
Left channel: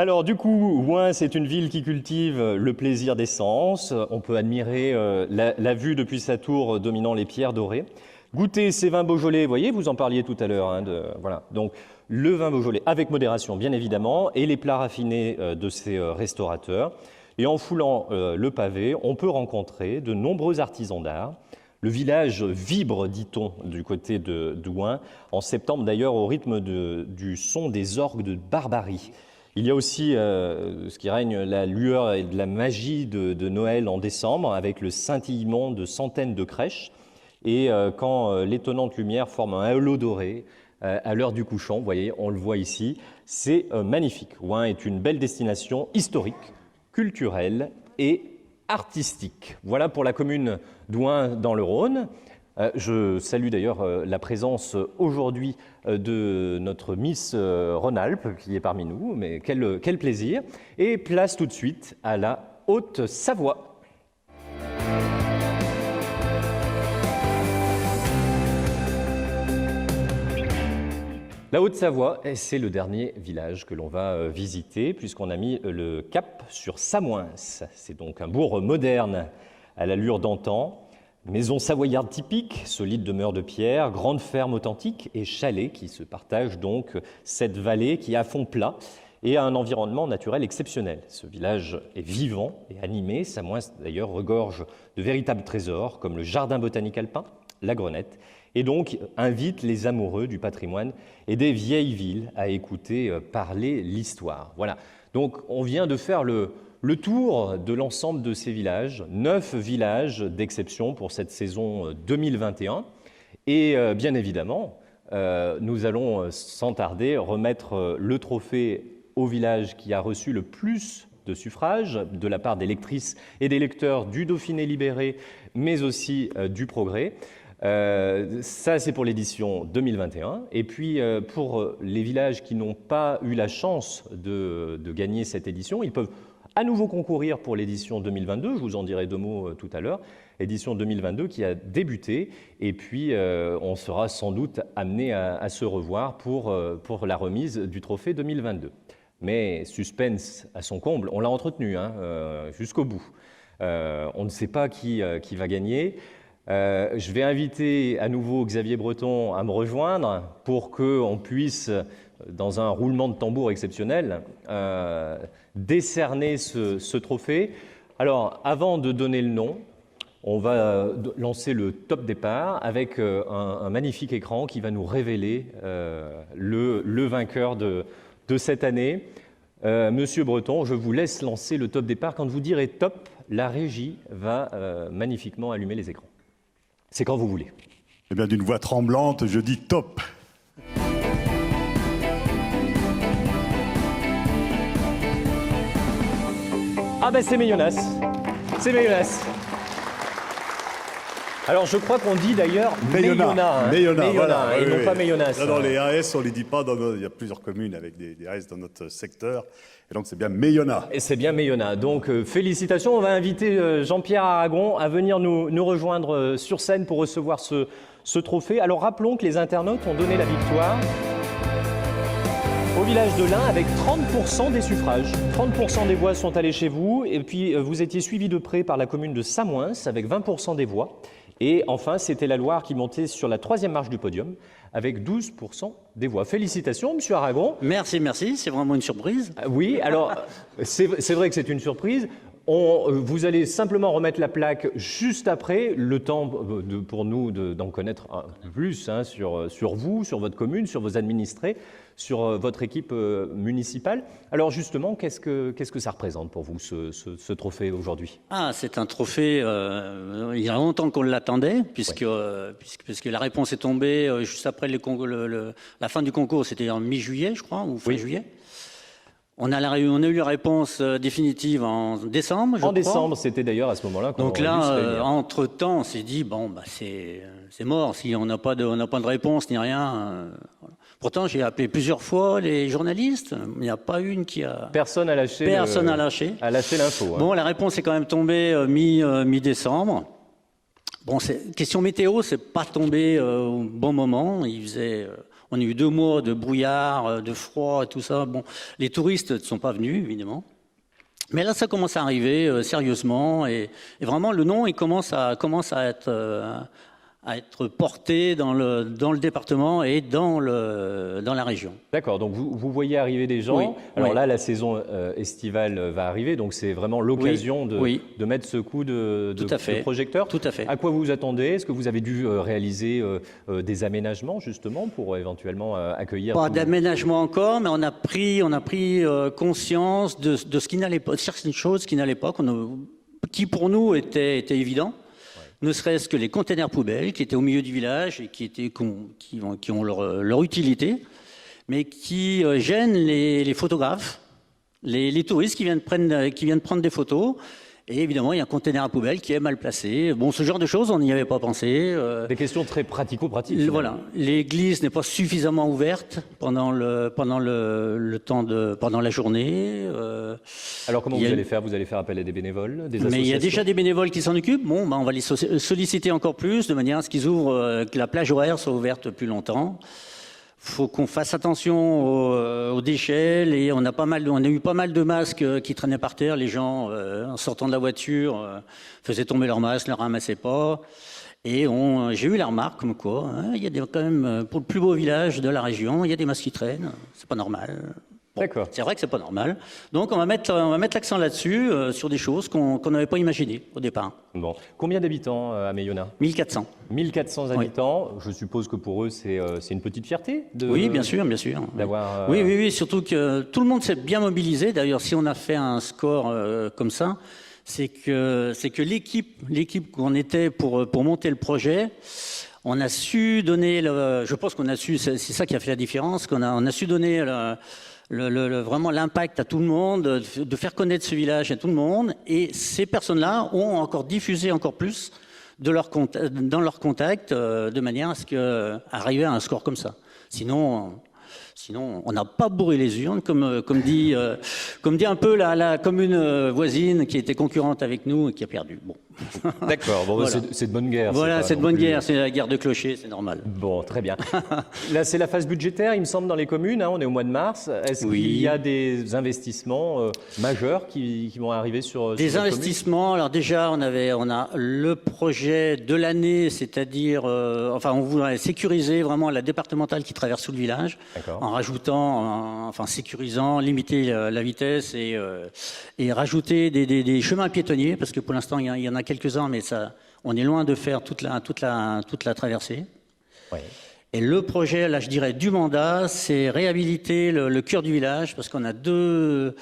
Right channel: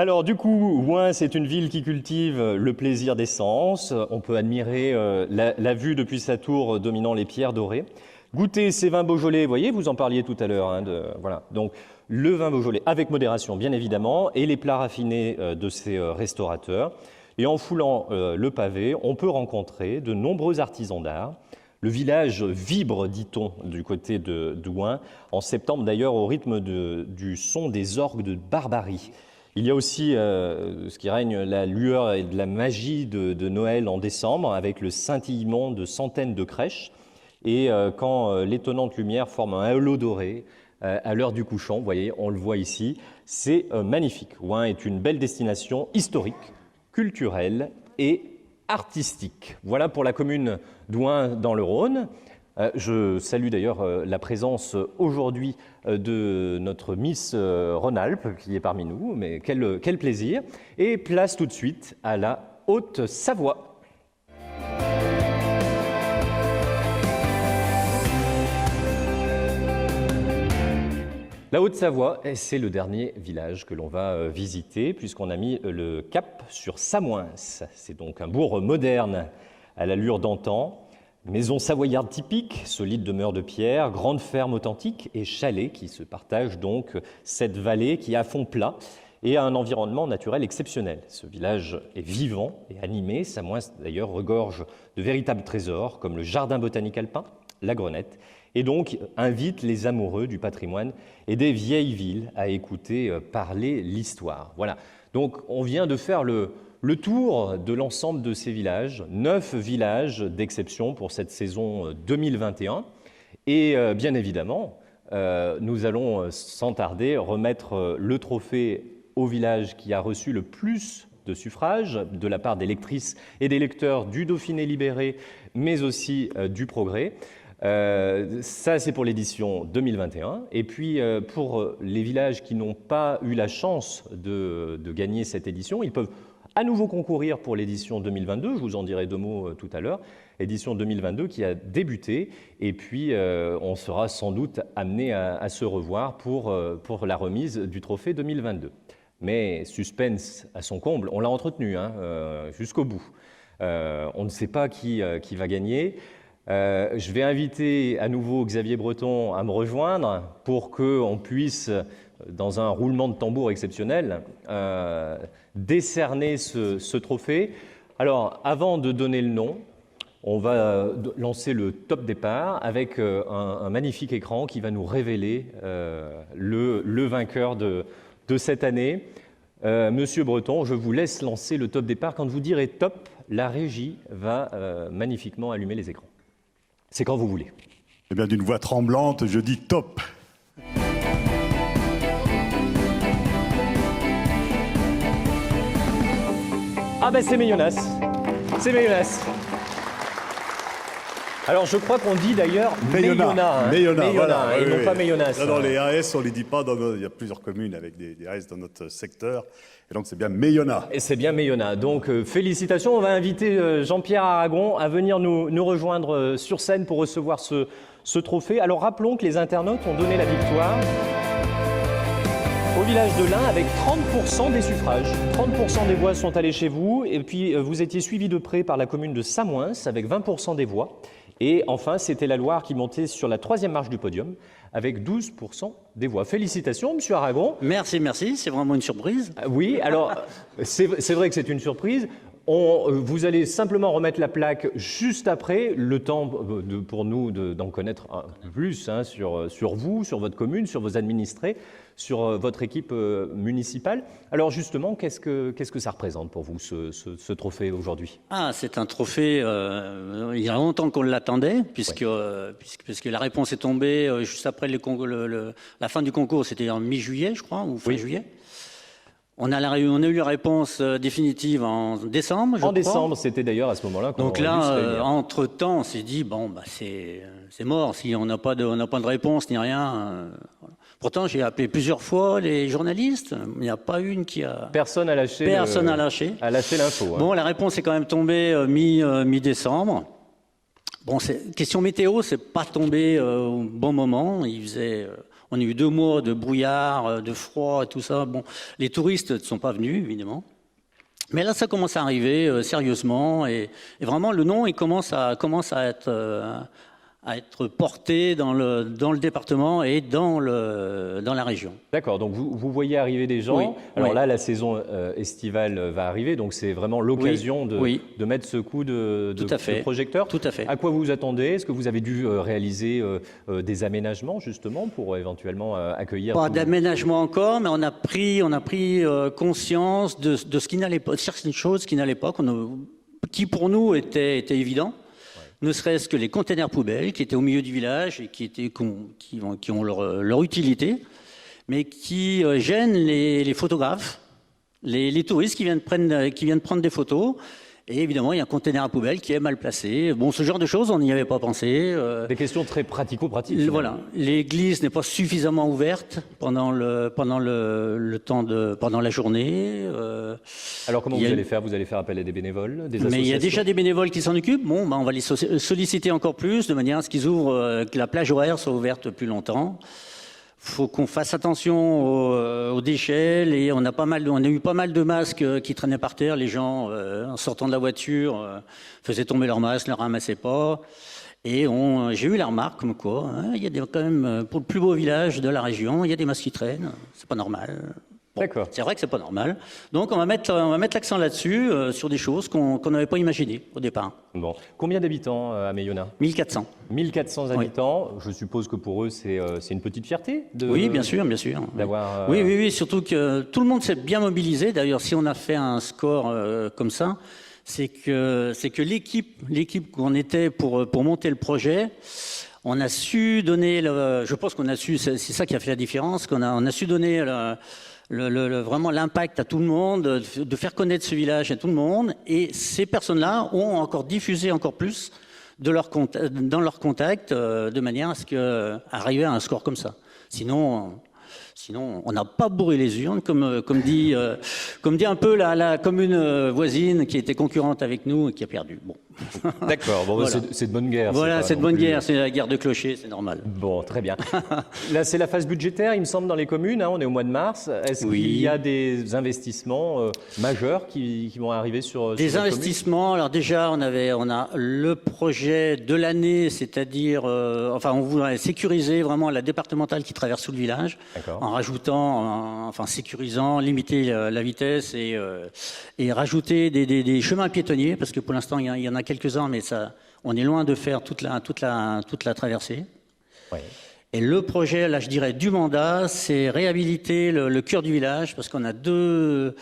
Alors du coup, Ouin, c'est une ville qui cultive le plaisir des sens. On peut admirer la vue depuis sa tour dominant les pierres dorées. Goûter ces vins Beaujolais, vous voyez, vous en parliez tout à l'heure. Voilà. Donc le vin Beaujolais avec modération, bien évidemment, et les plats raffinés de ces restaurateurs. Et en foulant le pavé, on peut rencontrer de nombreux artisans d'art. Le village vibre, dit-on, du côté de Ouin, en septembre d'ailleurs, au rythme du son des orgues de Barbarie. Il y a aussi ce qui règne, la lueur et de la magie de Noël en décembre, avec le scintillement de centaines de crèches. Et quand l'étonnante lumière forme un halo doré à l'heure du couchant, vous voyez, on le voit ici, c'est magnifique. Ouin est une belle destination historique, culturelle et artistique. Voilà pour la commune d'Ouin dans le Rhône. Je salue d'ailleurs la présence aujourd'hui de notre Miss Rhône-Alpes qui est parmi nous, mais quel plaisir. Et place tout de suite à la Haute-Savoie. La Haute-Savoie, c'est le dernier village que l'on va visiter puisqu'on a mis le cap sur Samoins. C'est donc un bourg moderne à l'allure d'antan. Maison savoyarde typique, solide demeure de pierre, grande ferme authentique et chalet qui se partagent donc cette vallée qui est à fond plat et a un environnement naturel exceptionnel. Ce village est vivant et animé. Samoins d'ailleurs regorge de véritables trésors comme le jardin botanique alpin, la Grenette, et donc invite les amoureux du patrimoine et des vieilles villes à écouter parler l'histoire. Voilà, donc on vient de faire le tour de l'ensemble de ces villages, 9 villages d'exception pour cette saison 2021. Et bien évidemment, nous allons sans tarder remettre le trophée au village qui a reçu le plus de suffrages de la part des lectrices et des lecteurs du Dauphiné libéré, mais aussi du Progrès. Ça, c'est pour l'édition 2021. Et puis, pour les villages qui n'ont pas eu la chance de gagner cette édition, ils peuvent à nouveau concourir pour l'édition 2022, je vous en dirai 2 mots tout à l'heure, édition 2022 qui a débuté, et puis on sera sans doute amené à se revoir pour la remise du trophée 2022. Mais suspense à son comble, on l'a entretenu jusqu'au bout. On ne sait pas qui va gagner. Je vais inviter à nouveau Xavier Breton à me rejoindre pour qu'on puisse, dans un roulement de tambour exceptionnel, décerner ce trophée. Alors, avant de donner le nom, on va lancer le top départ avec un magnifique écran qui va nous révéler le vainqueur de cette année. Monsieur Breton, je vous laisse lancer le top départ. Quand vous direz top, la régie va magnifiquement allumer les écrans. C'est quand vous voulez. Eh bien, d'une voix tremblante, je dis top. Ah ben c'est Méyonas, c'est Méyonas. Alors je crois qu'on dit d'ailleurs Méyona, voilà, et non pas Méyonas. Non, les AS on les dit pas, il y a plusieurs communes avec des AS dans notre secteur, et donc c'est bien Méyona. Et c'est bien Méyona, donc félicitations, on va inviter Jean-Pierre Aragon à venir nous rejoindre sur scène pour recevoir ce trophée. Alors rappelons que les internautes ont donné la victoire au village de l'Ain avec 30% des suffrages. 30% des voix sont allées chez vous. Et puis, vous étiez suivi de près par la commune de Samoins avec 20% des voix. Et enfin, c'était la Loire qui montait sur la 3e marche du podium avec 12% des voix. Félicitations, Monsieur Aragon. Merci, c'est vraiment une surprise. Oui, alors, c'est vrai que c'est une surprise. Vous allez simplement remettre la plaque juste après, le temps pour nous d'en connaître un peu plus sur vous, sur votre commune, sur vos administrés, sur votre équipe municipale. Alors justement, qu'est-ce que ça représente pour vous, ce trophée aujourd'hui ? Ah, c'est un trophée, il y a longtemps qu'on l'attendait, puisque la réponse est tombée juste après la fin du concours, c'était en mi-juillet, je crois, ou fin juillet. On a eu la réponse définitive en décembre, je crois. En décembre, c'était d'ailleurs à ce moment-là qu'on Donc là, entre-temps, on s'est dit, bon, bah, c'est mort, si on n'a pas de réponse ni rien. Pourtant, j'ai appelé plusieurs fois les journalistes, il n'y a pas une qui a... Personne n'a lâché. Personne n'a lâché. A lâché l'info. Bon, la réponse est quand même tombée mi-décembre. Bon, question météo, c'est pas tombé au bon moment. On a eu 2 mois de brouillard, de froid et tout ça. Bon, les touristes ne sont pas venus, évidemment. Mais là, ça commence à arriver sérieusement. Et vraiment, le nom, il commence à être porté dans le département et dans la région. D'accord, donc vous voyez arriver des gens. Oui, Alors oui. là, la saison estivale va arriver, donc c'est vraiment l'occasion de mettre ce coup de projecteur. Tout à fait. À quoi vous vous attendez? Est-ce que vous avez dû réaliser des aménagements justement pour éventuellement accueillir Pas d'aménagement encore, mais on a pris conscience de ce qui n'allait pas, certaines choses qui n'allaient pas, qui pour nous étaient évidents. Ne serait-ce que les containers poubelles qui étaient au milieu du village et qui ont leur utilité, mais qui gênent les photographes, les touristes qui viennent prendre des photos. Et évidemment, il y a un container à poubelle qui est mal placé. Bon, ce genre de choses, on n'y avait pas pensé. Des questions très pratico-pratiques. Voilà. L'église n'est pas suffisamment ouverte pendant la journée. Alors comment vous allez faire? Vous allez faire appel à des bénévoles, des associations? Mais il y a déjà des bénévoles qui s'en occupent. Bon, on va les solliciter encore plus, de manière à ce qu'ils ouvrent, que la plage horaire soit ouverte plus longtemps. Faut qu'on fasse attention aux déchets. On a eu pas mal de masques qui traînaient par terre. Les gens, en sortant de la voiture, faisaient tomber leurs masques, ne les ramassaient pas. Et j'ai eu la remarque comme quoi, il y a quand même, pour le plus beau village de la région, il y a des masques qui traînent. C'est pas normal. Bon, D'accord. c'est vrai que c'est pas normal. Donc on va mettre l'accent là-dessus, sur des choses qu'on n'avait pas imaginées au départ. Bon. Combien d'habitants à Meillona? 1400. 1400 habitants. Je suppose que pour eux, c'est une petite fierté Oui, bien sûr. D'avoir. Oui, surtout que tout le monde s'est bien mobilisé. D'ailleurs, si on a fait un score comme ça, c'est que l'équipe qu'on était pour monter le projet, on a su donner je pense qu'on a su, c'est ça qui a fait la différence, on a su donner vraiment l'impact à tout le monde, de faire connaître ce village à tout le monde, et ces personnes-là ont encore diffusé encore plus dans leur contact, de manière à ce arriver à un score comme ça. Sinon, on n'a pas bourré les urnes, comme dit un peu la commune voisine qui était concurrente avec nous et qui a perdu. Bon. D'accord, bon, Voilà. c'est de bonne guerre. Voilà, c'est de bonne guerre, c'est la guerre de clochers, c'est normal. Bon, très bien. Là, c'est la phase budgétaire, il me semble, dans les communes. On est au mois de mars. Est-ce Oui. qu'il y a des investissements majeurs qui vont arriver sur Des la investissements. Alors déjà, on a le projet de l'année, c'est-à-dire, on voudrait sécuriser vraiment la départementale qui traverse tout le village, D'accord. en rajoutant, sécurisant, limiter la vitesse et rajouter des chemins piétonniers, parce que pour l'instant, il y en a quelques-uns, mais on est loin de faire toute la traversée. Oui. Et le projet, là, je dirais, du mandat, c'est réhabiliter le cœur du village, parce qu'on a deux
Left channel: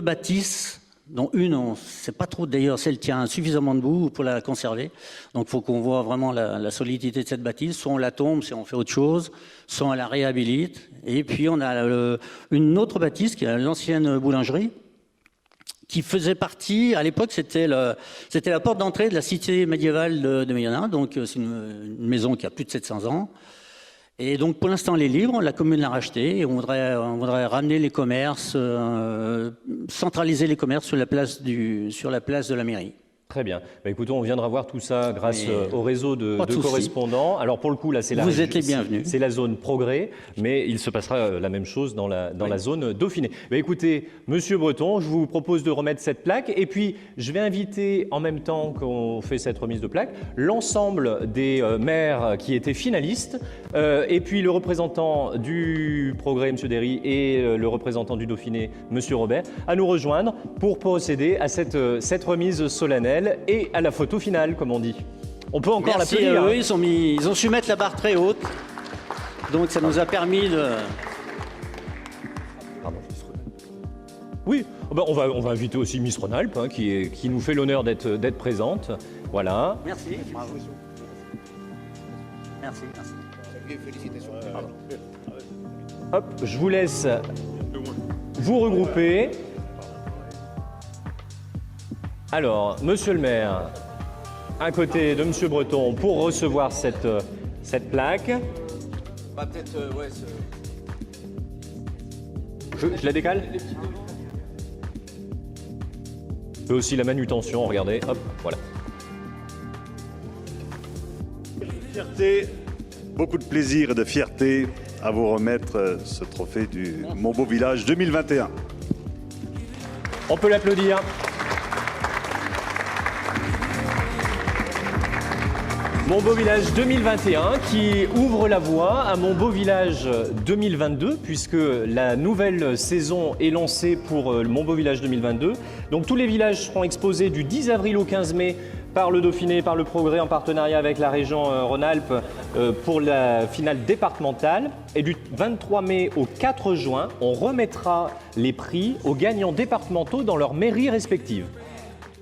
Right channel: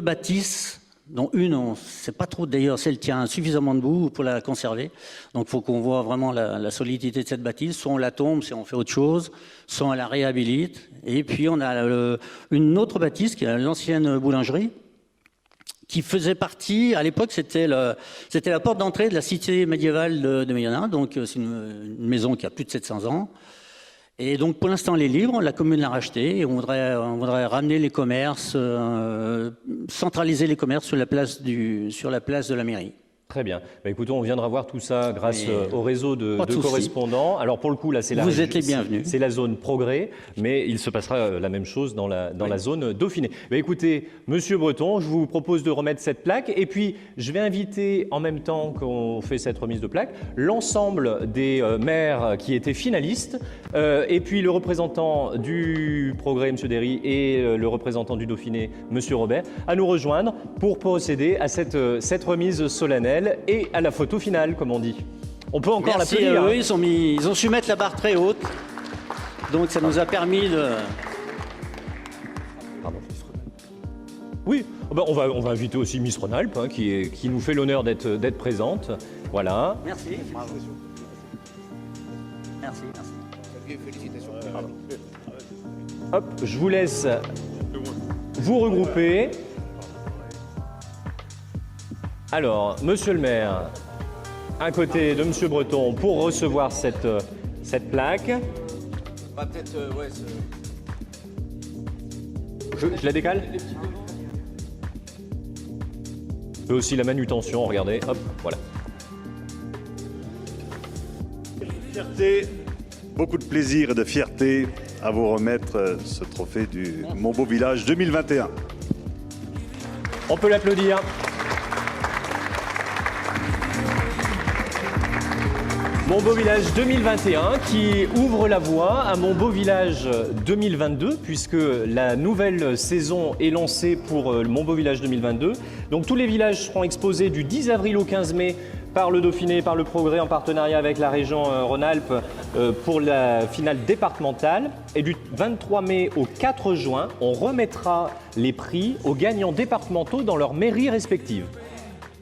bâtisses, dont une, on ne sait pas trop d'ailleurs si elle tient suffisamment debout pour la conserver. Donc il faut qu'on voit vraiment la solidité de cette bâtisse. Soit on la tombe, si on fait autre chose, soit on la réhabilite. Et puis on a une autre bâtisse, qui est l'ancienne boulangerie, qui faisait partie, à l'époque, c'était la porte d'entrée de la cité médiévale de Meillona. Donc c'est une maison qui a plus de 700 ans. Et donc pour l'instant elle est libre, la commune l'a rachetée et on voudrait ramener les commerces, centraliser les commerces sur la place de la mairie. Très bien. Écoutons, on viendra voir tout ça grâce au réseau de souci. correspondants. Alors pour le coup, là, Vous êtes les bienvenus. C'est la zone Progrès, mais il se passera la même chose dans la zone Dauphiné. Écoutez, Monsieur Breton, je vous propose de remettre cette plaque, et puis je vais inviter, en même temps qu'on fait cette remise de plaque, l'ensemble des maires qui étaient finalistes, et puis le représentant du Progrès, Monsieur Derry, et le représentant du Dauphiné, Monsieur Robert, à nous rejoindre pour procéder à cette remise solennelle et à la photo finale, comme on dit. On peut encore Merci, l'applaudir. ils ont su mettre la barre très haute, donc ça nous a permis de... Oui, on va inviter aussi Miss Rhône-Alpes, qui nous fait l'honneur d'être présente. Voilà. Merci. Bravo. Merci. Hop, je vous laisse vous regrouper. Alors, Monsieur le maire, à côté de Monsieur Breton, pour recevoir cette plaque. Je la décale. Et aussi la manutention, regardez, hop, voilà. Fierté beaucoup de plaisir et de fierté à vous remettre ce trophée du Mon Beau Village 2021. On peut l'applaudir. Mon Beau Village 2021 qui ouvre la voie à Mon Beau Village 2022 puisque la nouvelle saison est lancée pour Mon Beau Village 2022. Donc tous les villages seront exposés du 10 avril au 15 mai par le Dauphiné, par le Progrès en partenariat avec la région Rhône-Alpes pour la finale départementale. Et du 23 mai au 4 juin, on remettra les prix aux gagnants départementaux dans leurs mairies respectives.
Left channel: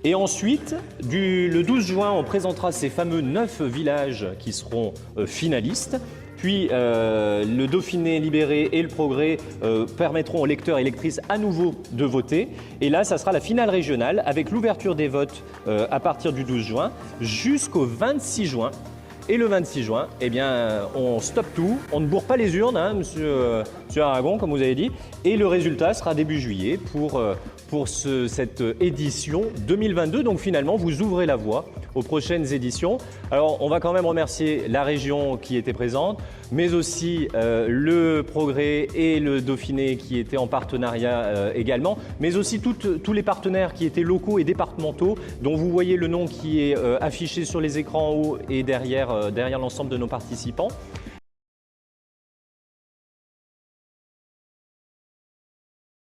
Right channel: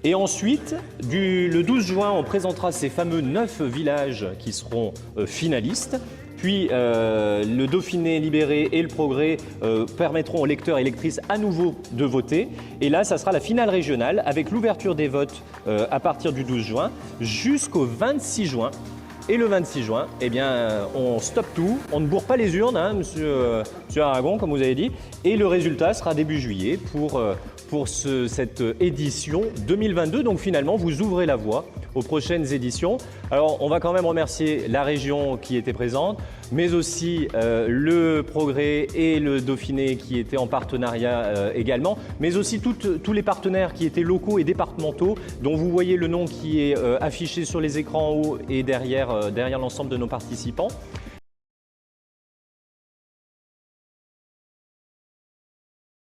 Et ensuite, le 12 juin, on présentera ces fameux 9 villages qui seront finalistes. Puis le Dauphiné libéré et le Progrès permettront aux lecteurs et lectrices à nouveau de voter. Et là, ça sera la finale régionale avec l'ouverture des votes à partir du 12 juin jusqu'au 26 juin. Et le 26 juin, eh bien, on stoppe tout, on ne bourre pas les urnes, hein, monsieur Aragon, comme vous avez dit. Et le résultat sera début juillet pour cette édition 2022. Donc finalement, vous ouvrez la voie aux prochaines éditions. Alors, on va quand même remercier la région qui était présente, mais aussi le Progrès et le Dauphiné qui étaient en partenariat également, mais aussi tous les partenaires qui étaient locaux et départementaux, dont vous voyez le nom qui est affiché sur les écrans en haut et derrière l'ensemble de nos participants.